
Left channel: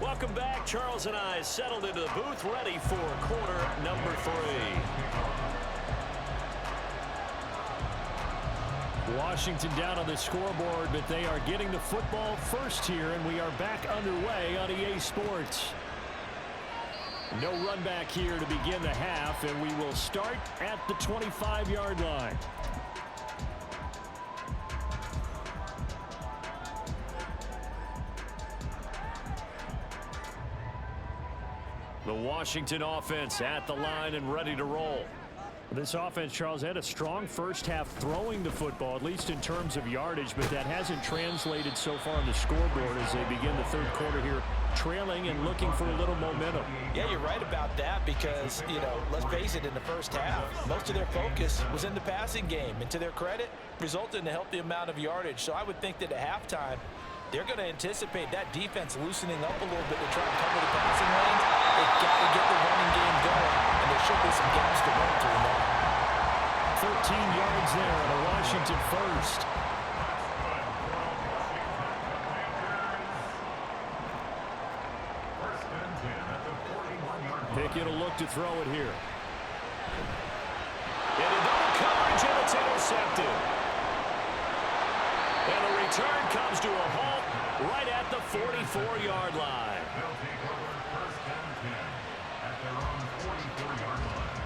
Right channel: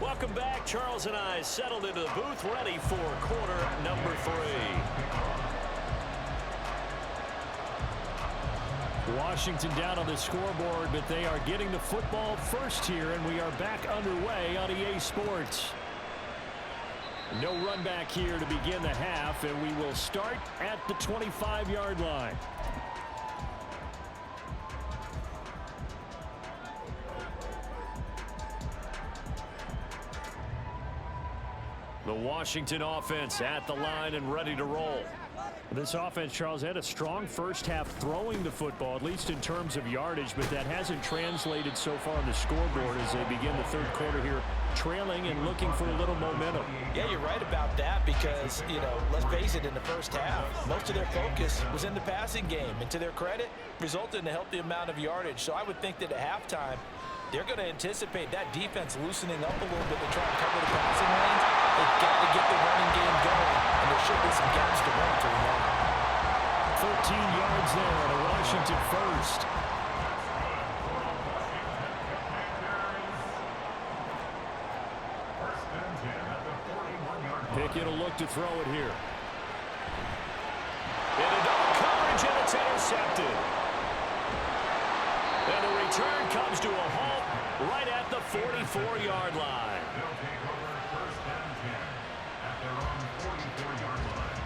Welcome back. Charles and I settled into the booth, ready for quarter number 3. Washington down on the scoreboard, but they are getting the football first here, and we are back underway on EA Sports. No run back here to begin the half, and we will start at the 25-yard line. The Washington offense at the line and ready to roll. This offense, Charles, had a strong first half throwing the football, at least in terms of yardage, but that hasn't translated so far on the scoreboard as they begin the third quarter here, trailing and looking for a little momentum. Yeah, you're right about that because, let's face it, in the first half, most of their focus was in the passing game. And to their credit, resulted in a healthy amount of yardage. So I would think that at halftime, they're going to anticipate that defense loosening up a little bit to try and cover the passing lanes. They've got to get the running game going, and there should be some gaps to run through now. 13 yards there at a Washington first. First and 10 at the 41-yard line. Pickett will look to throw it here. Into double coverage, and it's intercepted. And the return comes to a halt right at the 44-yard line. They'll take over first and 10 at their own 44-yard line.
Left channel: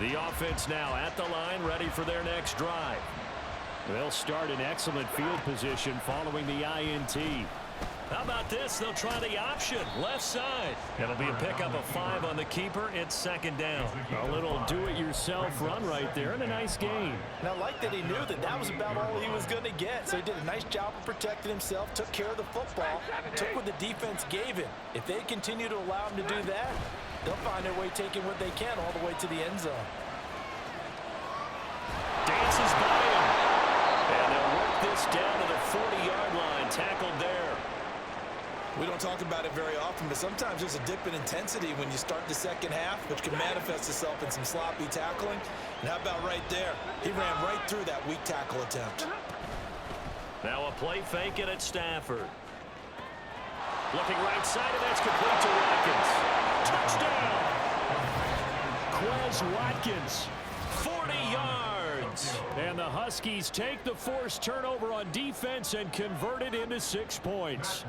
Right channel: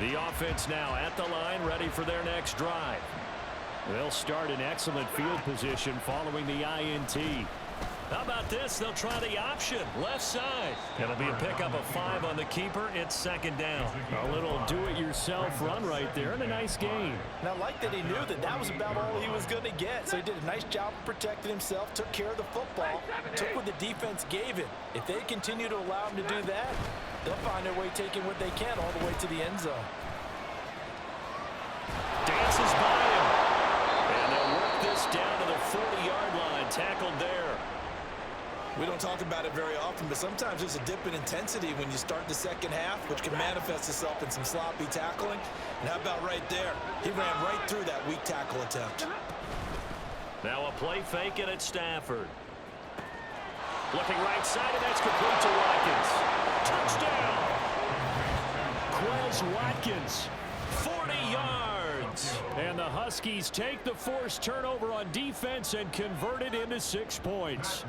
The offense now at the line, ready for their next drive. They'll start in excellent field position following the INT. How about this? They'll try the option, left side. It'll be a pickup of 5 on the keeper. It's second down. A little do-it-yourself run right there and a nice gain. And I like that he knew that that was about all he was going to get. So he did a nice job of protecting himself, took care of the football, took what the defense gave him. If they continue to allow him to do that, they'll find their way taking what they can all the way to the end zone. Dances by him. And they'll work this down to the 40-yard line, tackled there. We don't talk about it very often, but sometimes there's a dip in intensity when you start the second half, which can manifest itself in some sloppy tackling. And how about right there? He ran right through that weak tackle attempt. Now a play fake it at Stafford. Looking right side, and that's complete to Watkins. Touchdown! Quez Watkins, 40 yards. And the Huskies take the forced turnover on defense and convert it into 6 points.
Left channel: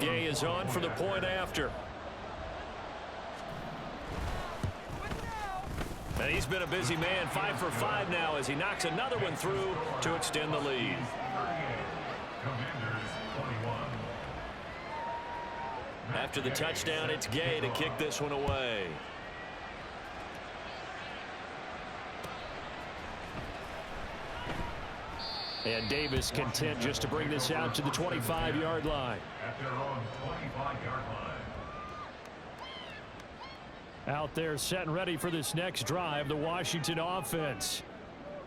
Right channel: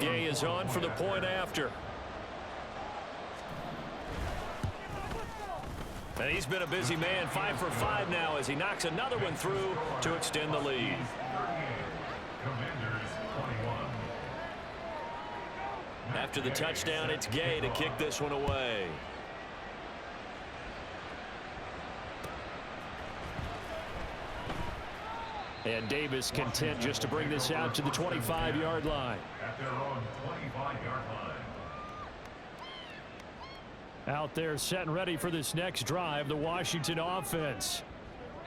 Gay is on for the point after. And he's been a busy man, 5 for 5 now as he knocks another one through to extend the lead. After the touchdown, it's Gay to kick this one away. And Davis content just to bring this out to the 25-yard line. At their own 25-yard line. Out there set and ready for this next drive, the Washington offense.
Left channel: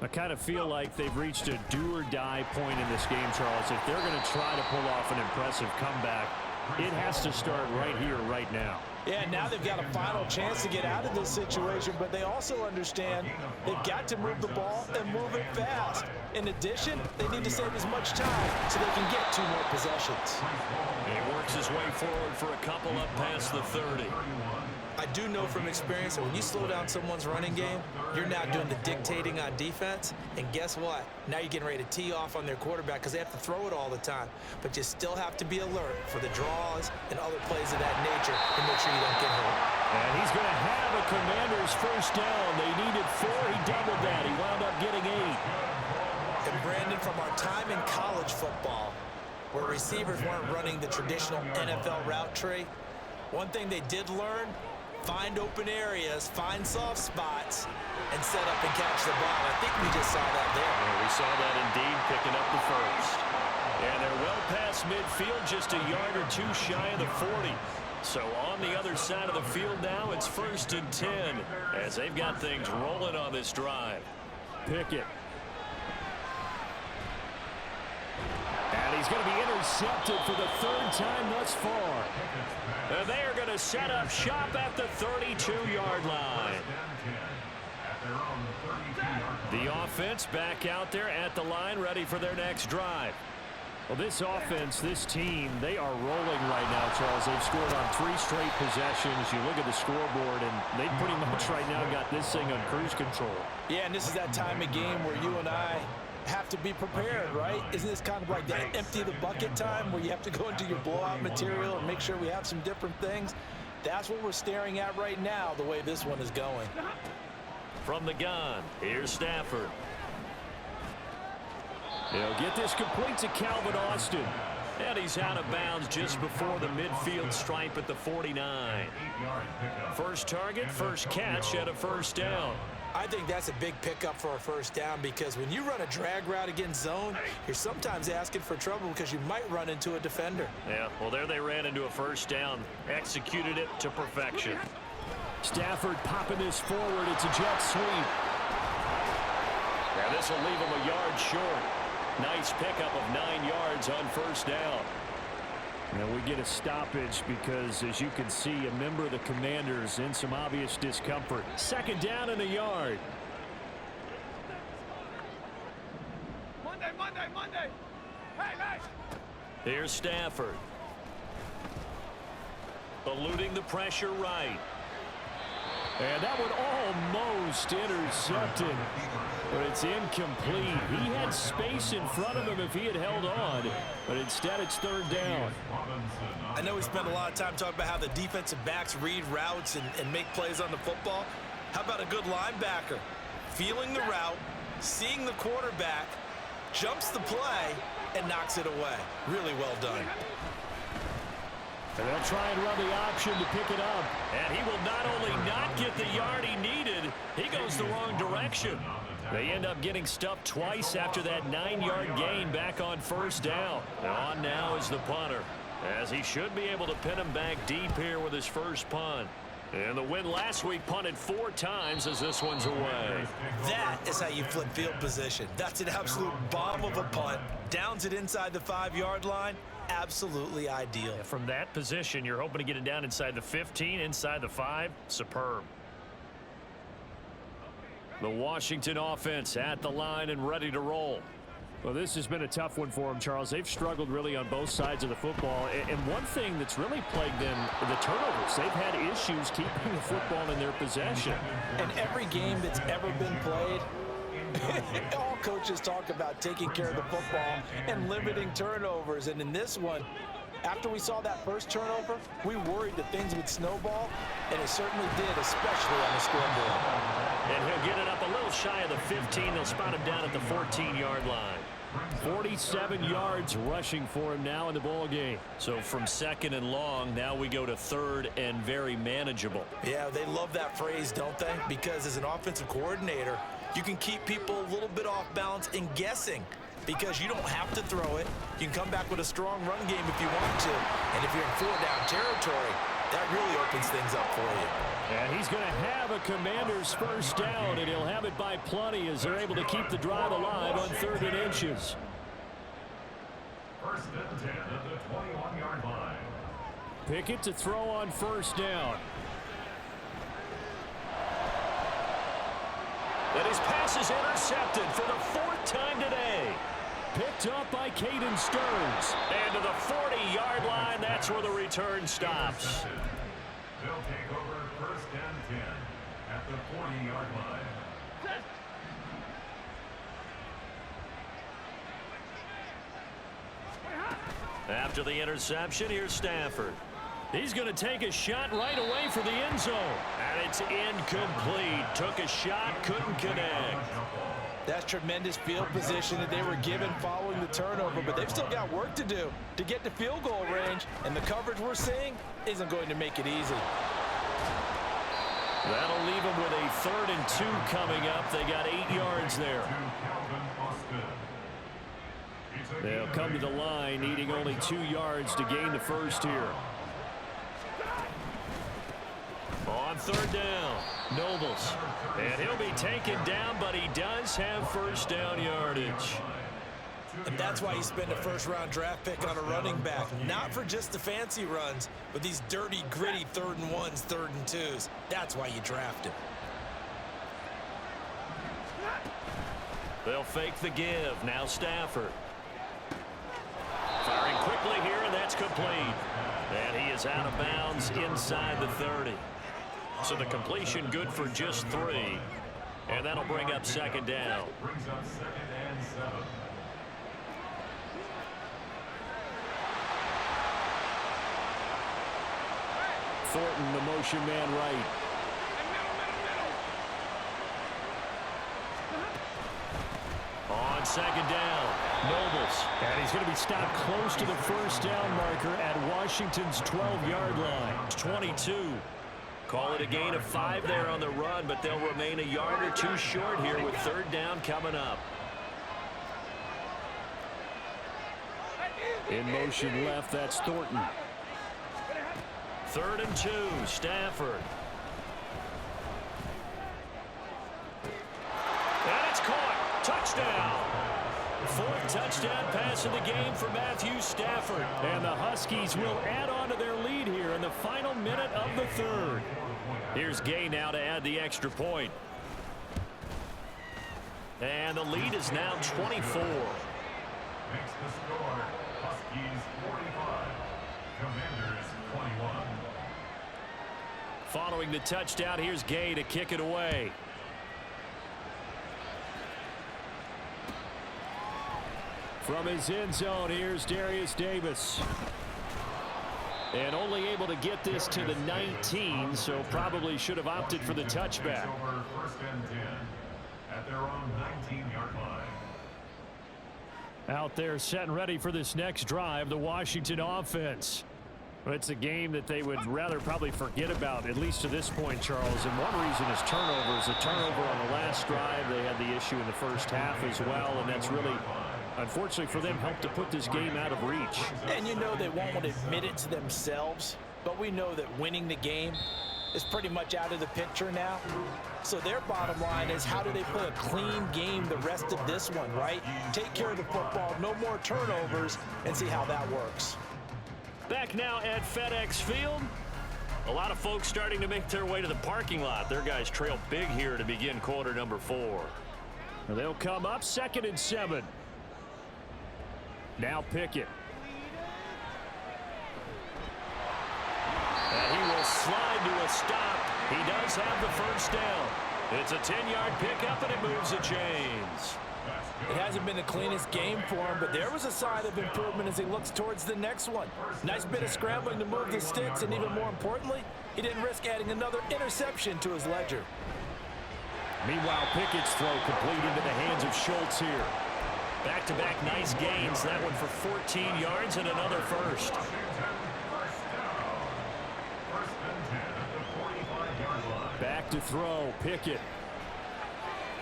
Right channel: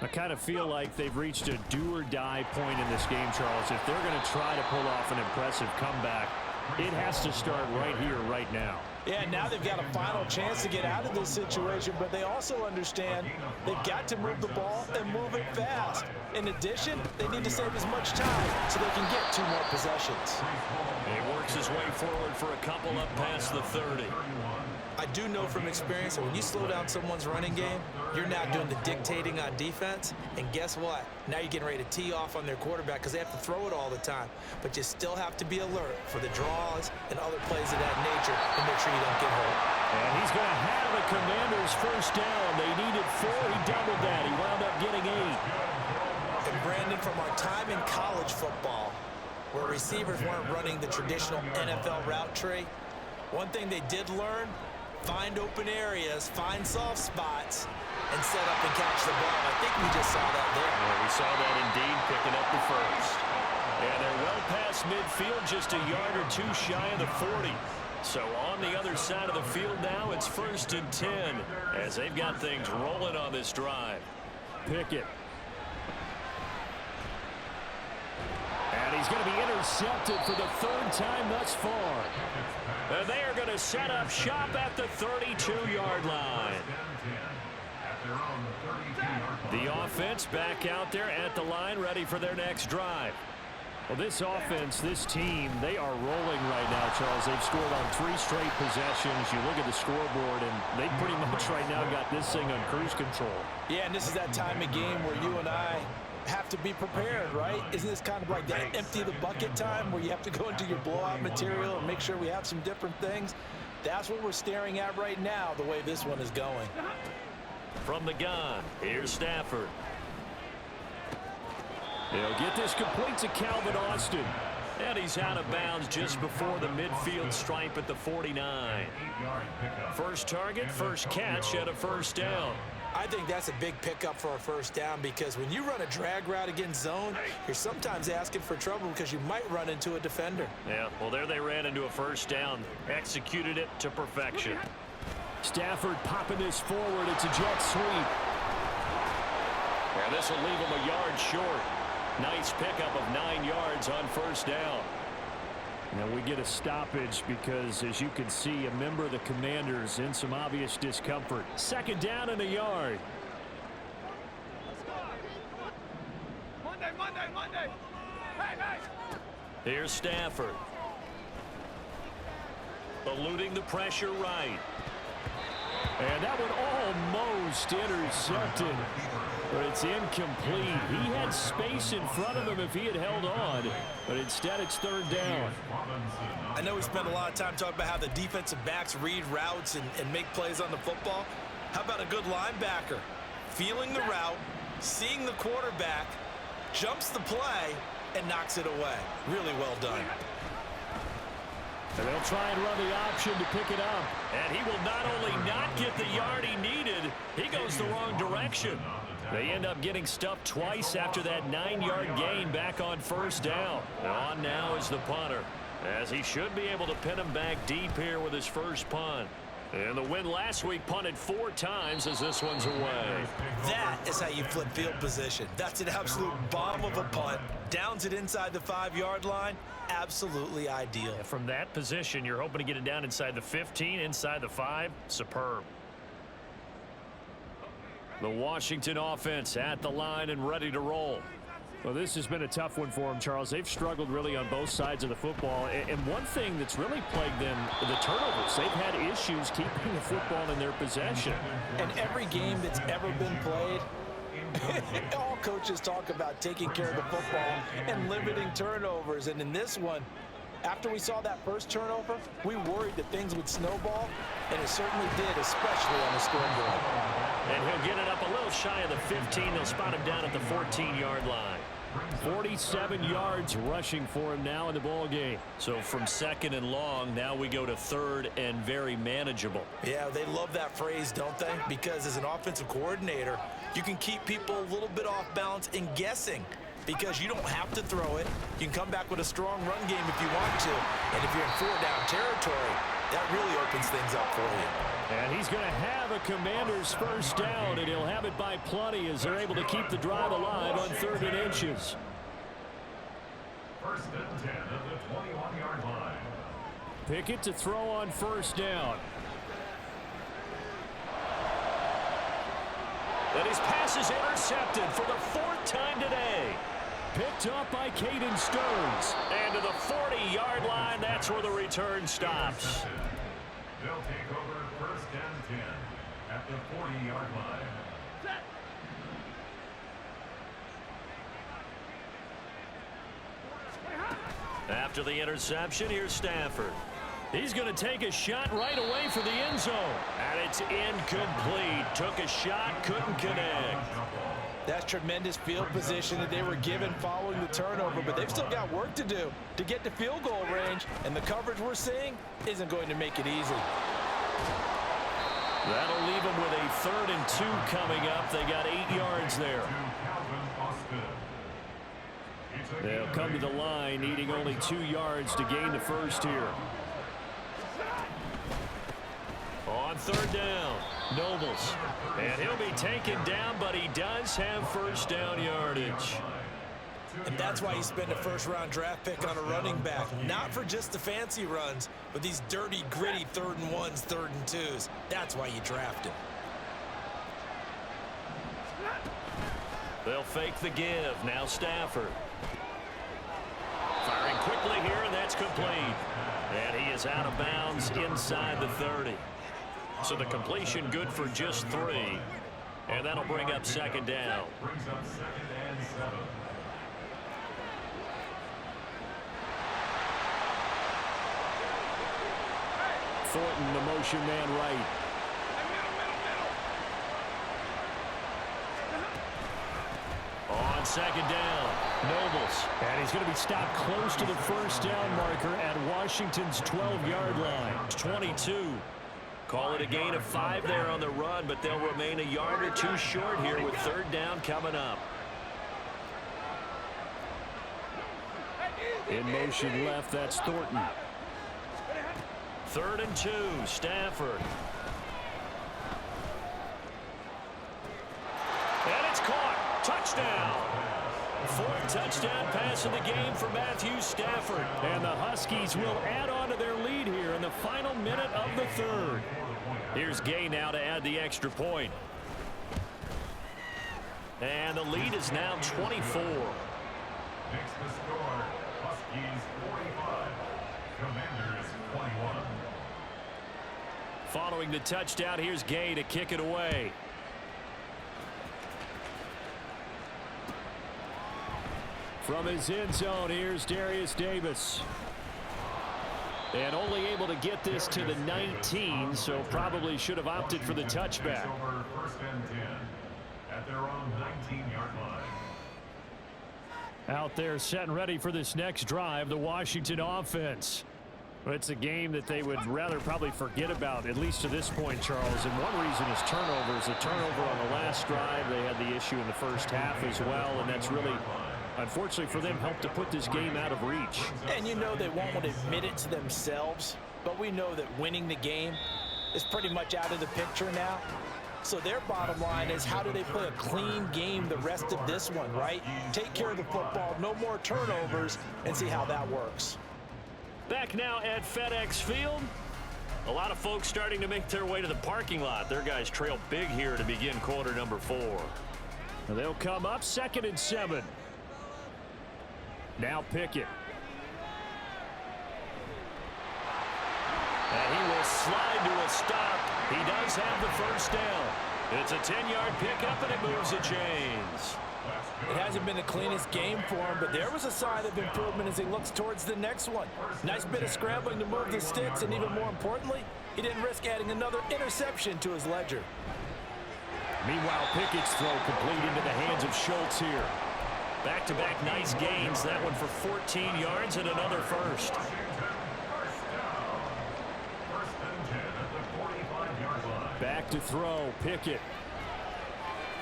I kind of feel like they've reached a do-or-die point in this game, Charles. If they're going to try to pull off an impressive comeback, it has to start right here, right now. Yeah, now they've got a final chance to get out of this situation, but they also understand they've got to move the ball and move it fast. In addition, they need to save as much time so they can get 2 more possessions. He works his way forward for a couple up past the 30. I do know from experience that when you slow down someone's running game, you're now doing the dictating on defense. And guess what? Now you're getting ready to tee off on their quarterback because they have to throw it all the time. But you still have to be alert for the draws and other plays of that nature and make sure you don't get hurt. And he's going to have a Commanders first down. They needed 4. He doubled that. He wound up getting 8. And Brandon, from our time in college football, where receivers weren't running the traditional NFL route tree, one thing they did learn, find open areas, find soft spots, and set up and catch the ball. I think we just saw that there. Yeah, we saw that indeed, picking up the first. And they're well past midfield, just a yard or 2 shy of the 40. So on the other side of the field now, it's 1st and 10 as they've got things rolling on this drive. Pickett. And he's going to be intercepted for the 3rd time thus far. And they are going to set up shop at the 32-yard line. The offense back out there at the line, ready for their next drive. Well, this offense, this team, they are rolling right now, Charles. They've scored on 3 straight possessions. You look at the scoreboard, and they pretty much right now got this thing on cruise control. Yeah, and this is that time of game where you and I have to be prepared, right? Isn't this kind of like that empty the bucket time where you have to go into your blowout material and make sure we have some different things? That's what we're staring at right now, the way this one is going. From the gun, here's Stafford. He'll get this complete to Calvin Austin. And he's out of bounds just before the midfield stripe at the 49. First target, first catch at a first down. I think that's a big pickup for a first down because when you run a drag route against zone, you're sometimes asking for trouble because you might run into a defender. Yeah, well, there they ran into a first down. Executed it to perfection. Stafford popping this forward. It's a jet sweep. And this will leave him a yard short. Nice pickup of 9 yards on first down. And we get a stoppage because, as you can see, a member of the Commanders in some obvious discomfort. 2nd down and a yard. Monday. Hey. Here's Stafford. Eluding the pressure right. And that one almost intercepted, but it's incomplete. He had space in front of him if he had held on, but instead it's 3rd down. I know we spent a lot of time talking about how the defensive backs read routes and make plays on the football. How about a good linebacker? Feeling the route, seeing the quarterback, jumps the play, and knocks it away. Really well done. And they'll try and run the option to pick it up. And he will not only not get the yard he needed, he goes the wrong direction. They end up getting stuffed twice after that 9-yard gain back on first down. On now is the punter, as he should be able to pin him back deep here with his first punt. And the win last week punted 4 times as this one's away. That is how you flip field position. That's an absolute bomb of a punt. Downs it inside the 5-yard line. Absolutely ideal. Yeah, from that position, you're hoping to get it down inside the 15, inside the 5. Superb. The Washington offense at the line and ready to roll. Well, this has been a tough one for them, Charles. They've struggled really on both sides of the football. And one thing that's really plagued them, the turnovers. They've had issues keeping the football in their possession. And every game that's ever been played, all coaches talk about taking care of the football and limiting turnovers. And in this one, after we saw that first turnover, we worried that things would snowball, and it certainly did, especially on the scoreboard. And he'll get it up a little shy of the 15. They'll spot him down at the 14-yard line. 47 yards rushing for him now in the ball game. So from second and long, now we go to third and very manageable. Yeah, they love that phrase, don't they? Because as an offensive coordinator, you can keep people a little bit off balance and guessing because you don't have to throw it. You can come back with a strong run game if you want to. And if you're in four-down territory, that really opens things up for you. And he's going to have a Commander's first down, and he'll have it by plenty as they're able to keep the drive alive on 3rd and inches. 1st and 10 at the 21-yard line. Pickett to throw on 1st down. And his pass is intercepted for the 4th time today. Picked up by Caden Stearns. And to the 40-yard line, that's where the return stops. They'll take over 1st and 10 at the 40-yard line. After the interception, here's Stafford. He's going to take a shot right away for the end zone. And it's incomplete. Took a shot, couldn't connect. That's tremendous field position that they were given following the turnover, but they've still got work to do to get to field goal range, and the coverage we're seeing isn't going to make it easy. That'll leave them with a 3rd and 2 coming up. They got 8 yards there. They'll come to the line, needing only 2 yards to gain the first here. On 3rd down, Nobles. And he'll be taken down, but he does have first down yardage. And that's why you spend a first-round draft pick on a running back. Not for just the fancy runs, but these dirty, gritty 3rd and 1s, 3rd and 2s. That's why you draft him. They'll fake the give. Now Stafford. Firing quickly here, and that's complete. And he is out of bounds inside the 30. So the completion good for just 3. And that'll bring up 2nd down. Brings up 2nd and 7. Thornton, the motion man right. On 2nd down, Nobles. And he's going to be stopped close to the first down marker at Washington's 12-yard line. 22. Call it a gain of 5 there on the run, but they'll remain a yard or 2 short here with 3rd down coming up. In motion left, that's Thornton. 3rd and 2, Stafford. And it's caught. Touchdown. 4th touchdown pass of the game for Matthew Stafford. And the Huskies will add on to their lead here in the final minute of the 3rd. Here's Gay now to add the extra point. And the lead is now 24. Makes the score Huskies 45, Commanders 21. Following the touchdown, here's Gay to kick it away. From his end zone, here's Darius Davis. And only able to get this to the 19, so probably should have opted for the touchback. Over 1st and 10 at their own 19-yard line. Out there set and ready for this next drive, the Washington offense. It's a game that they would rather probably forget about, at least to this point, Charles. And one reason is turnovers. A turnover on the last drive. They had the issue in the first half as well, and that's really, unfortunately for them, helped to put this game out of reach. And you know they won't admit it to themselves, but we know that winning the game is pretty much out of the picture now. So their bottom line is, how do they play a clean game the rest of this one, right? Take care of the football, no more turnovers, and see how that works. Back now at FedEx Field. A lot of folks starting to make their way to the parking lot. Their guys trail big here to begin quarter number 4. They'll come up 2nd and 7. Now Pickett. And he will slide to a stop. He does have the first down. It's a 10-yard pickup, and it moves the chains. It hasn't been the cleanest game for him, but there was a sign of improvement as he looks towards the next one. Nice bit of scrambling to move the sticks, and even more importantly, he didn't risk adding another interception to his ledger. Meanwhile, Pickett's throw complete into the hands of Schultz here. Back-to-back nice gains. That one for 14 yards and another first. Back to throw, Pickett.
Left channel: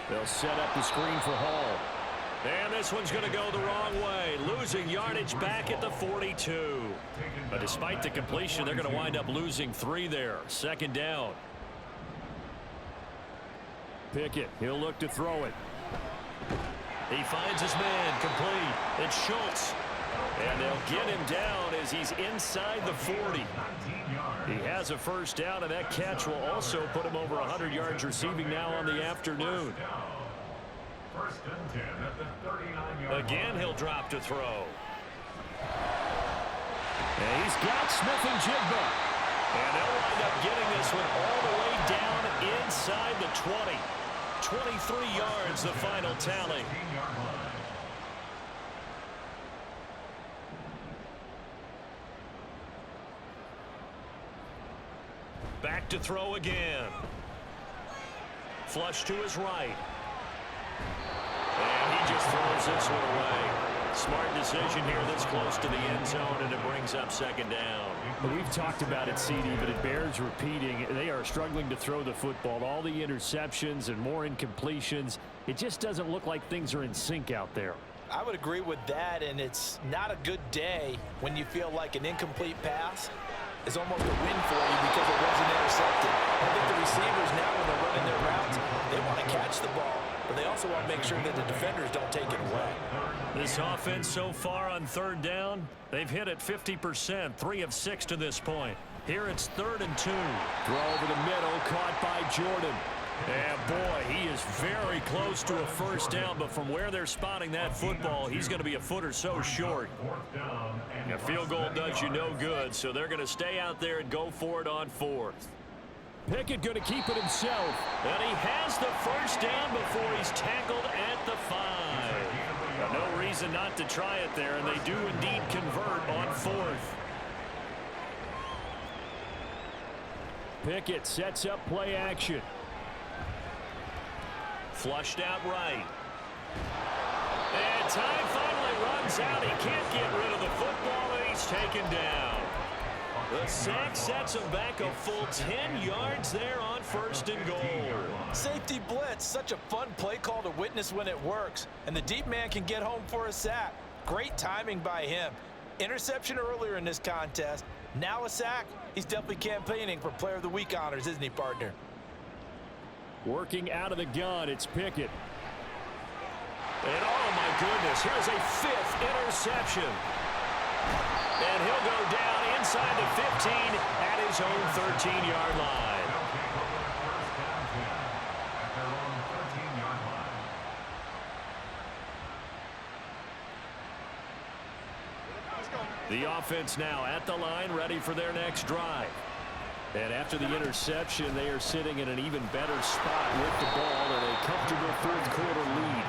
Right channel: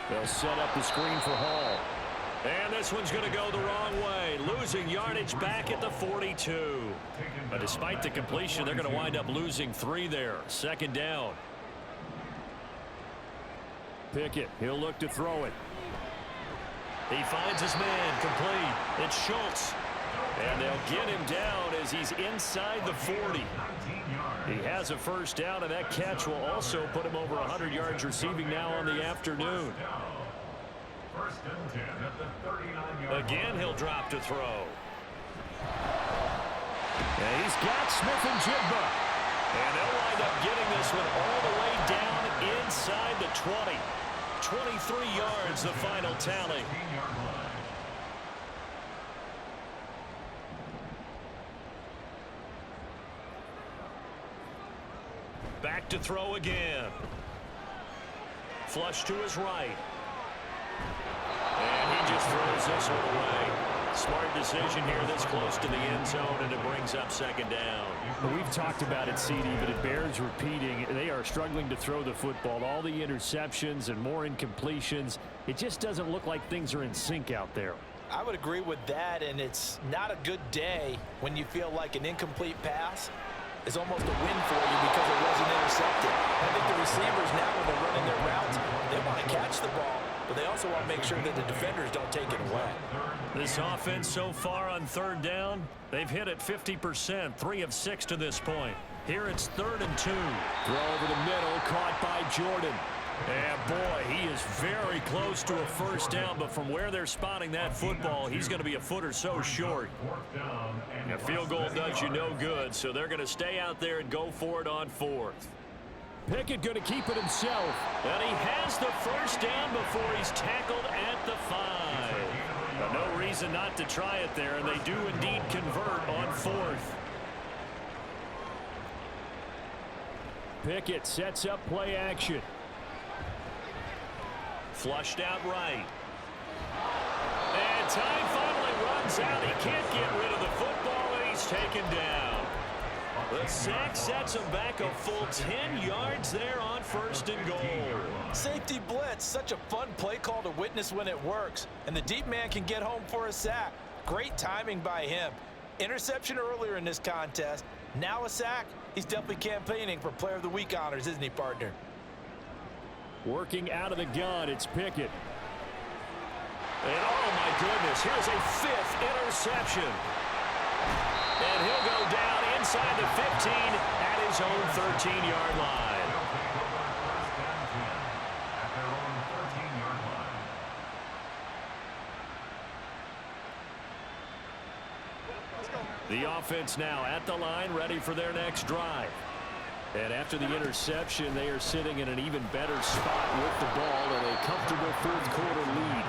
They'll set up the screen for Hall. And this one's going to go the wrong way. Losing yardage back at the 42. But despite the completion, they're going to wind up losing 3 there. Second down. Pickett, he'll look to throw it. He finds his man, complete. It's Schultz. And they'll get him down as he's inside the 40. He has a first down, and that catch will also put him over 100 yards receiving now on the afternoon. First and 10 at the 39-yard Again, he'll drop to throw. And he's got Smith and Jigba. And they'll wind up getting this one all the way down inside the 20. 23 yards, the final tally. Back to throw again. Flush to his right. And he just throws this one away. Smart decision here this close to the end zone, and it brings up second down. We've talked about it, CD, but it bears repeating. They are struggling to throw the football. All the interceptions and more incompletions. It just doesn't look like things are in sync out there. I would agree with that, and it's not a good day when you feel like an incomplete pass is almost a win for you because it wasn't intercepted. I think the receivers now, when they're running their routes, they want to catch the ball, but they also want to make sure that the defenders don't take it away. This offense so far on third down, they've hit it 50%, 3 of 6 to this point. Here it's 3rd and 2. Throw over the middle, caught by Jordan. And boy, he is very close to a first down, but from where they're spotting that football, he's going to be a foot or so short. A field goal does you no good, so they're going to stay out there and go for it on 4th. Pickett going to keep it himself. And he has the first down before he's tackled at the 5. No reason not to try it there, and they do indeed convert on 4th. Pickett sets up play action. Flushed out right. And time finally runs out. He can't get rid of the football, and he's taken down. The sack sets him back a full 10 yards there on 1st and goal. Safety blitz, such a fun play call to witness when it works. And the deep man can get home for a sack. Great timing by him. Interception earlier in this contest. Now a sack. He's definitely campaigning for Player of the Week honors, isn't he, partner? Working out of the gun, it's Pickett. And oh my goodness, here's a 5th interception. And he'll go down inside the 15 at his own 13-yard line. The offense now at the line, ready for their next drive. And after the interception, they are sitting in an even better spot with the ball and a comfortable 4th quarter lead.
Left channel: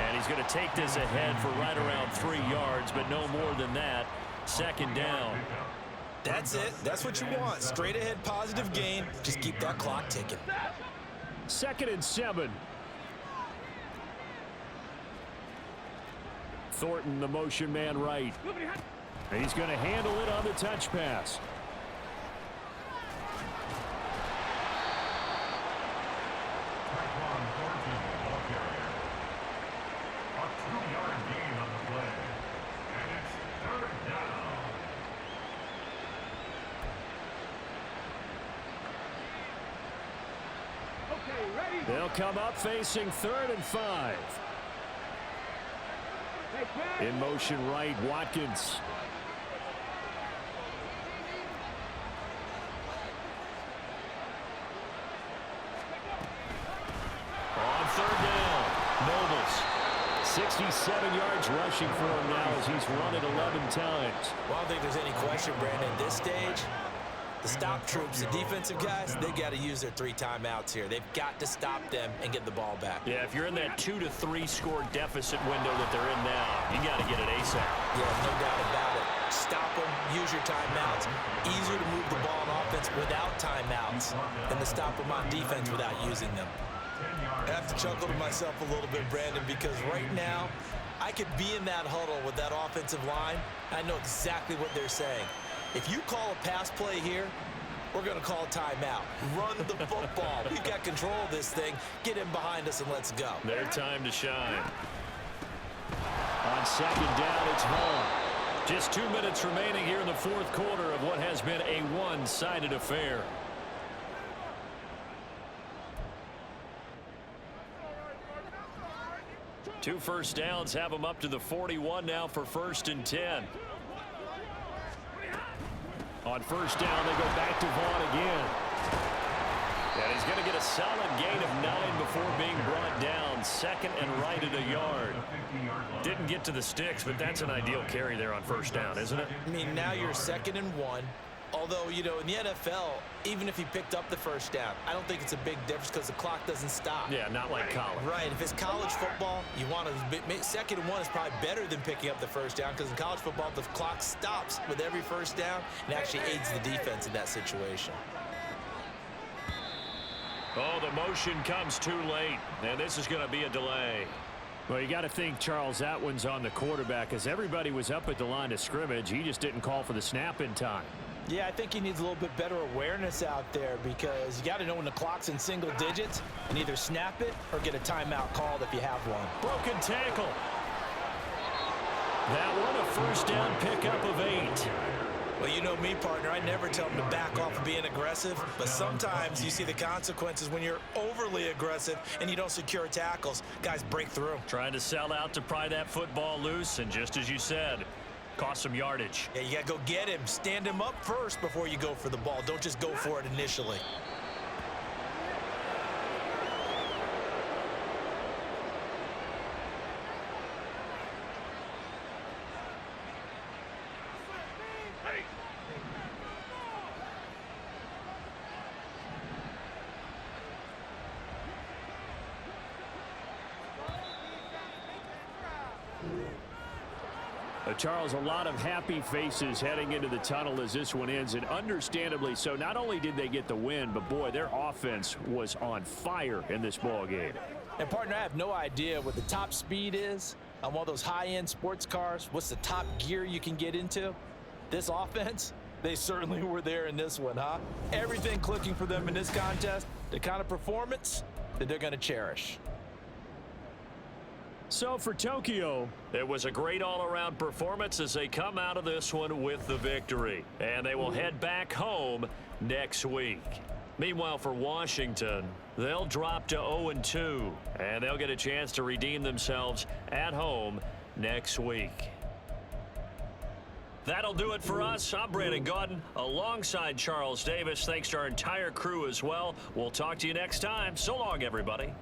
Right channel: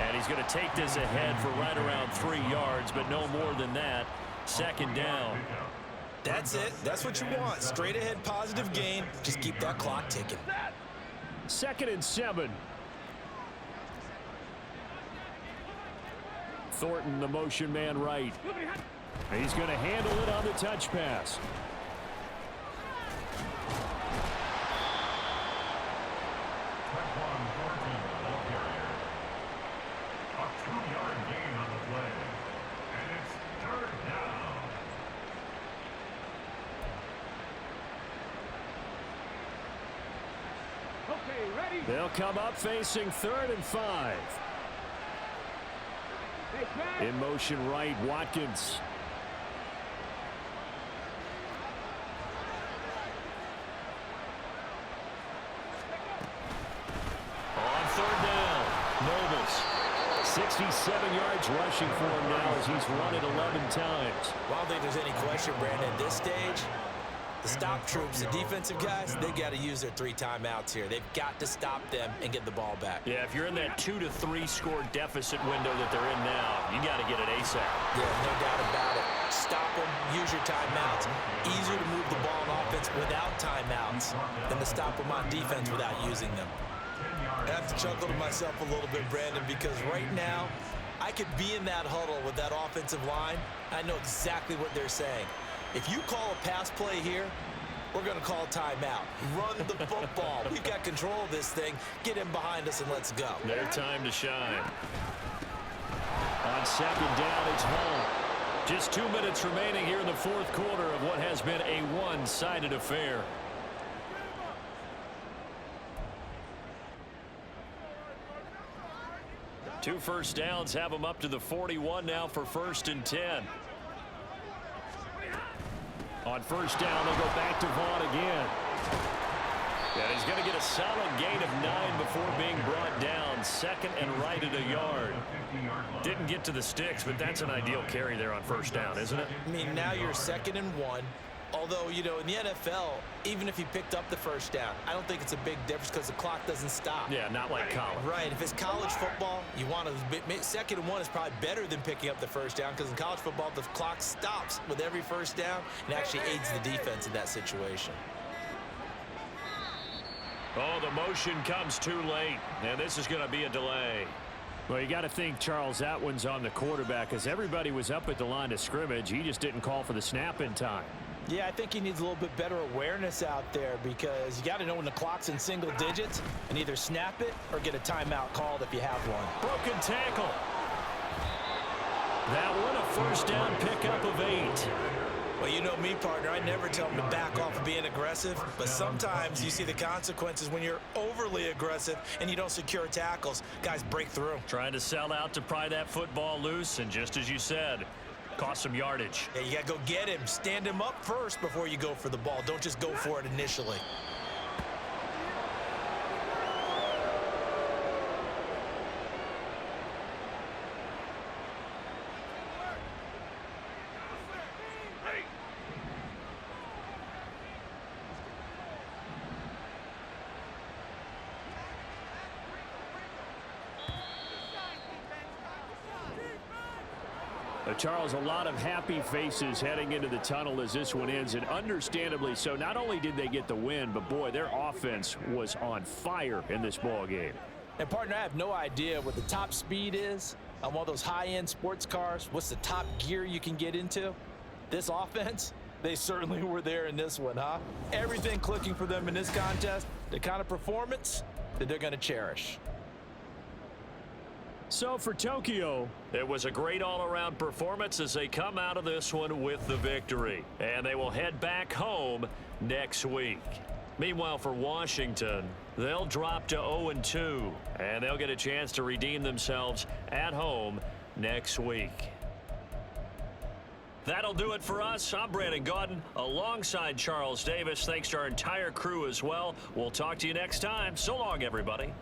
And he's going to take this ahead for right around 3 yards, but no more than that. Second down. That's it. That's what you want. Straight ahead positive gain. Just keep that clock ticking. 2nd and 7. Thornton, the motion man right. He's going to handle it on the touch pass. A 2-yard gain on the play. And it's 3rd down. Okay, ready? They'll come up facing 3rd and 5. In motion right, Watkins. On 3rd down, Nobles. 67 yards rushing for him now as he's run it 11 times. Well, I don't think there's any question, Brandon, at this stage, the stop troops, the defensive guys, they got to use their 3 timeouts here. They've got to stop them and get the ball back. Yeah, if you're in that 2 to 3 score deficit window that they're in now, you got to get it ASAP. Yeah, no doubt about it. Stop them, use your timeouts. Easier to move the ball on offense without timeouts than to stop them on defense without using them. I have to chuckle to myself a little bit, Brandon, because right now, I could be in that huddle with that offensive line. I know exactly what they're saying. If you call a pass play here, we're going to call a timeout. Run the football. We've got control of this thing. Get in behind us and let's go. Their time to shine. On second down, it's home. Just 2 minutes remaining here in the fourth quarter of what has been a one-sided affair. Two first downs have them up to the 41 now for 1st and 10. On first down, they go back to Vaughn again. And he's going to get a solid gain of 9 before being brought down. Second and right at a yard. Didn't get to the sticks, but that's an ideal carry there on first down, isn't it? I mean, now you're 2nd and 1. Although, you know, in the NFL, even if he picked up the first down, I don't think it's a big difference because the clock doesn't stop. Yeah, not like college. Right. If it's college football, you want to 2nd and 1 is probably better than picking up the first down because in college football, the clock stops with every first down and actually aids the defense in that situation. Oh, the motion comes too late, and this is going to be a delay. Well, you got to think, Charles, that one's on the quarterback as everybody was up at the line of scrimmage. He just didn't call for the snap in time. Yeah, I think he needs a little bit better awareness out there because you got to know when the clock's in single digits and either snap it or get a timeout called if you have one. Broken tackle. That one a first down pickup of 8. Well, you know me, partner. I never tell them to back off of being aggressive, but sometimes you see the consequences when you're overly aggressive and you don't secure tackles. Guys break through. Trying to sell out to pry that football loose, and just as you said, cost some yardage. Yeah, you got to go get him. Stand him up first before you go for the ball. Don't just go for it initially. Charles, a lot of happy faces heading into the tunnel as this one ends, and understandably so. Not only did they get the win, but boy, their offense was on fire in this ball game. And partner, I have no idea what the top speed is on one of those high-end sports cars. What's the top gear you can get into? This offense, they certainly were there in this one, huh? Everything clicking for them in this contest, the kind of performance that they're going to cherish. So for Tokyo, it was a great all-around performance as they come out of this one with the victory. And they will head back home next week. Meanwhile, for Washington, they'll drop to 0-2, and they'll get a chance to redeem themselves at home next week. That'll do it for us. I'm Brandon Gaudin alongside Charles Davis. Thanks to our entire crew as well. We'll talk to you next time. So long, everybody.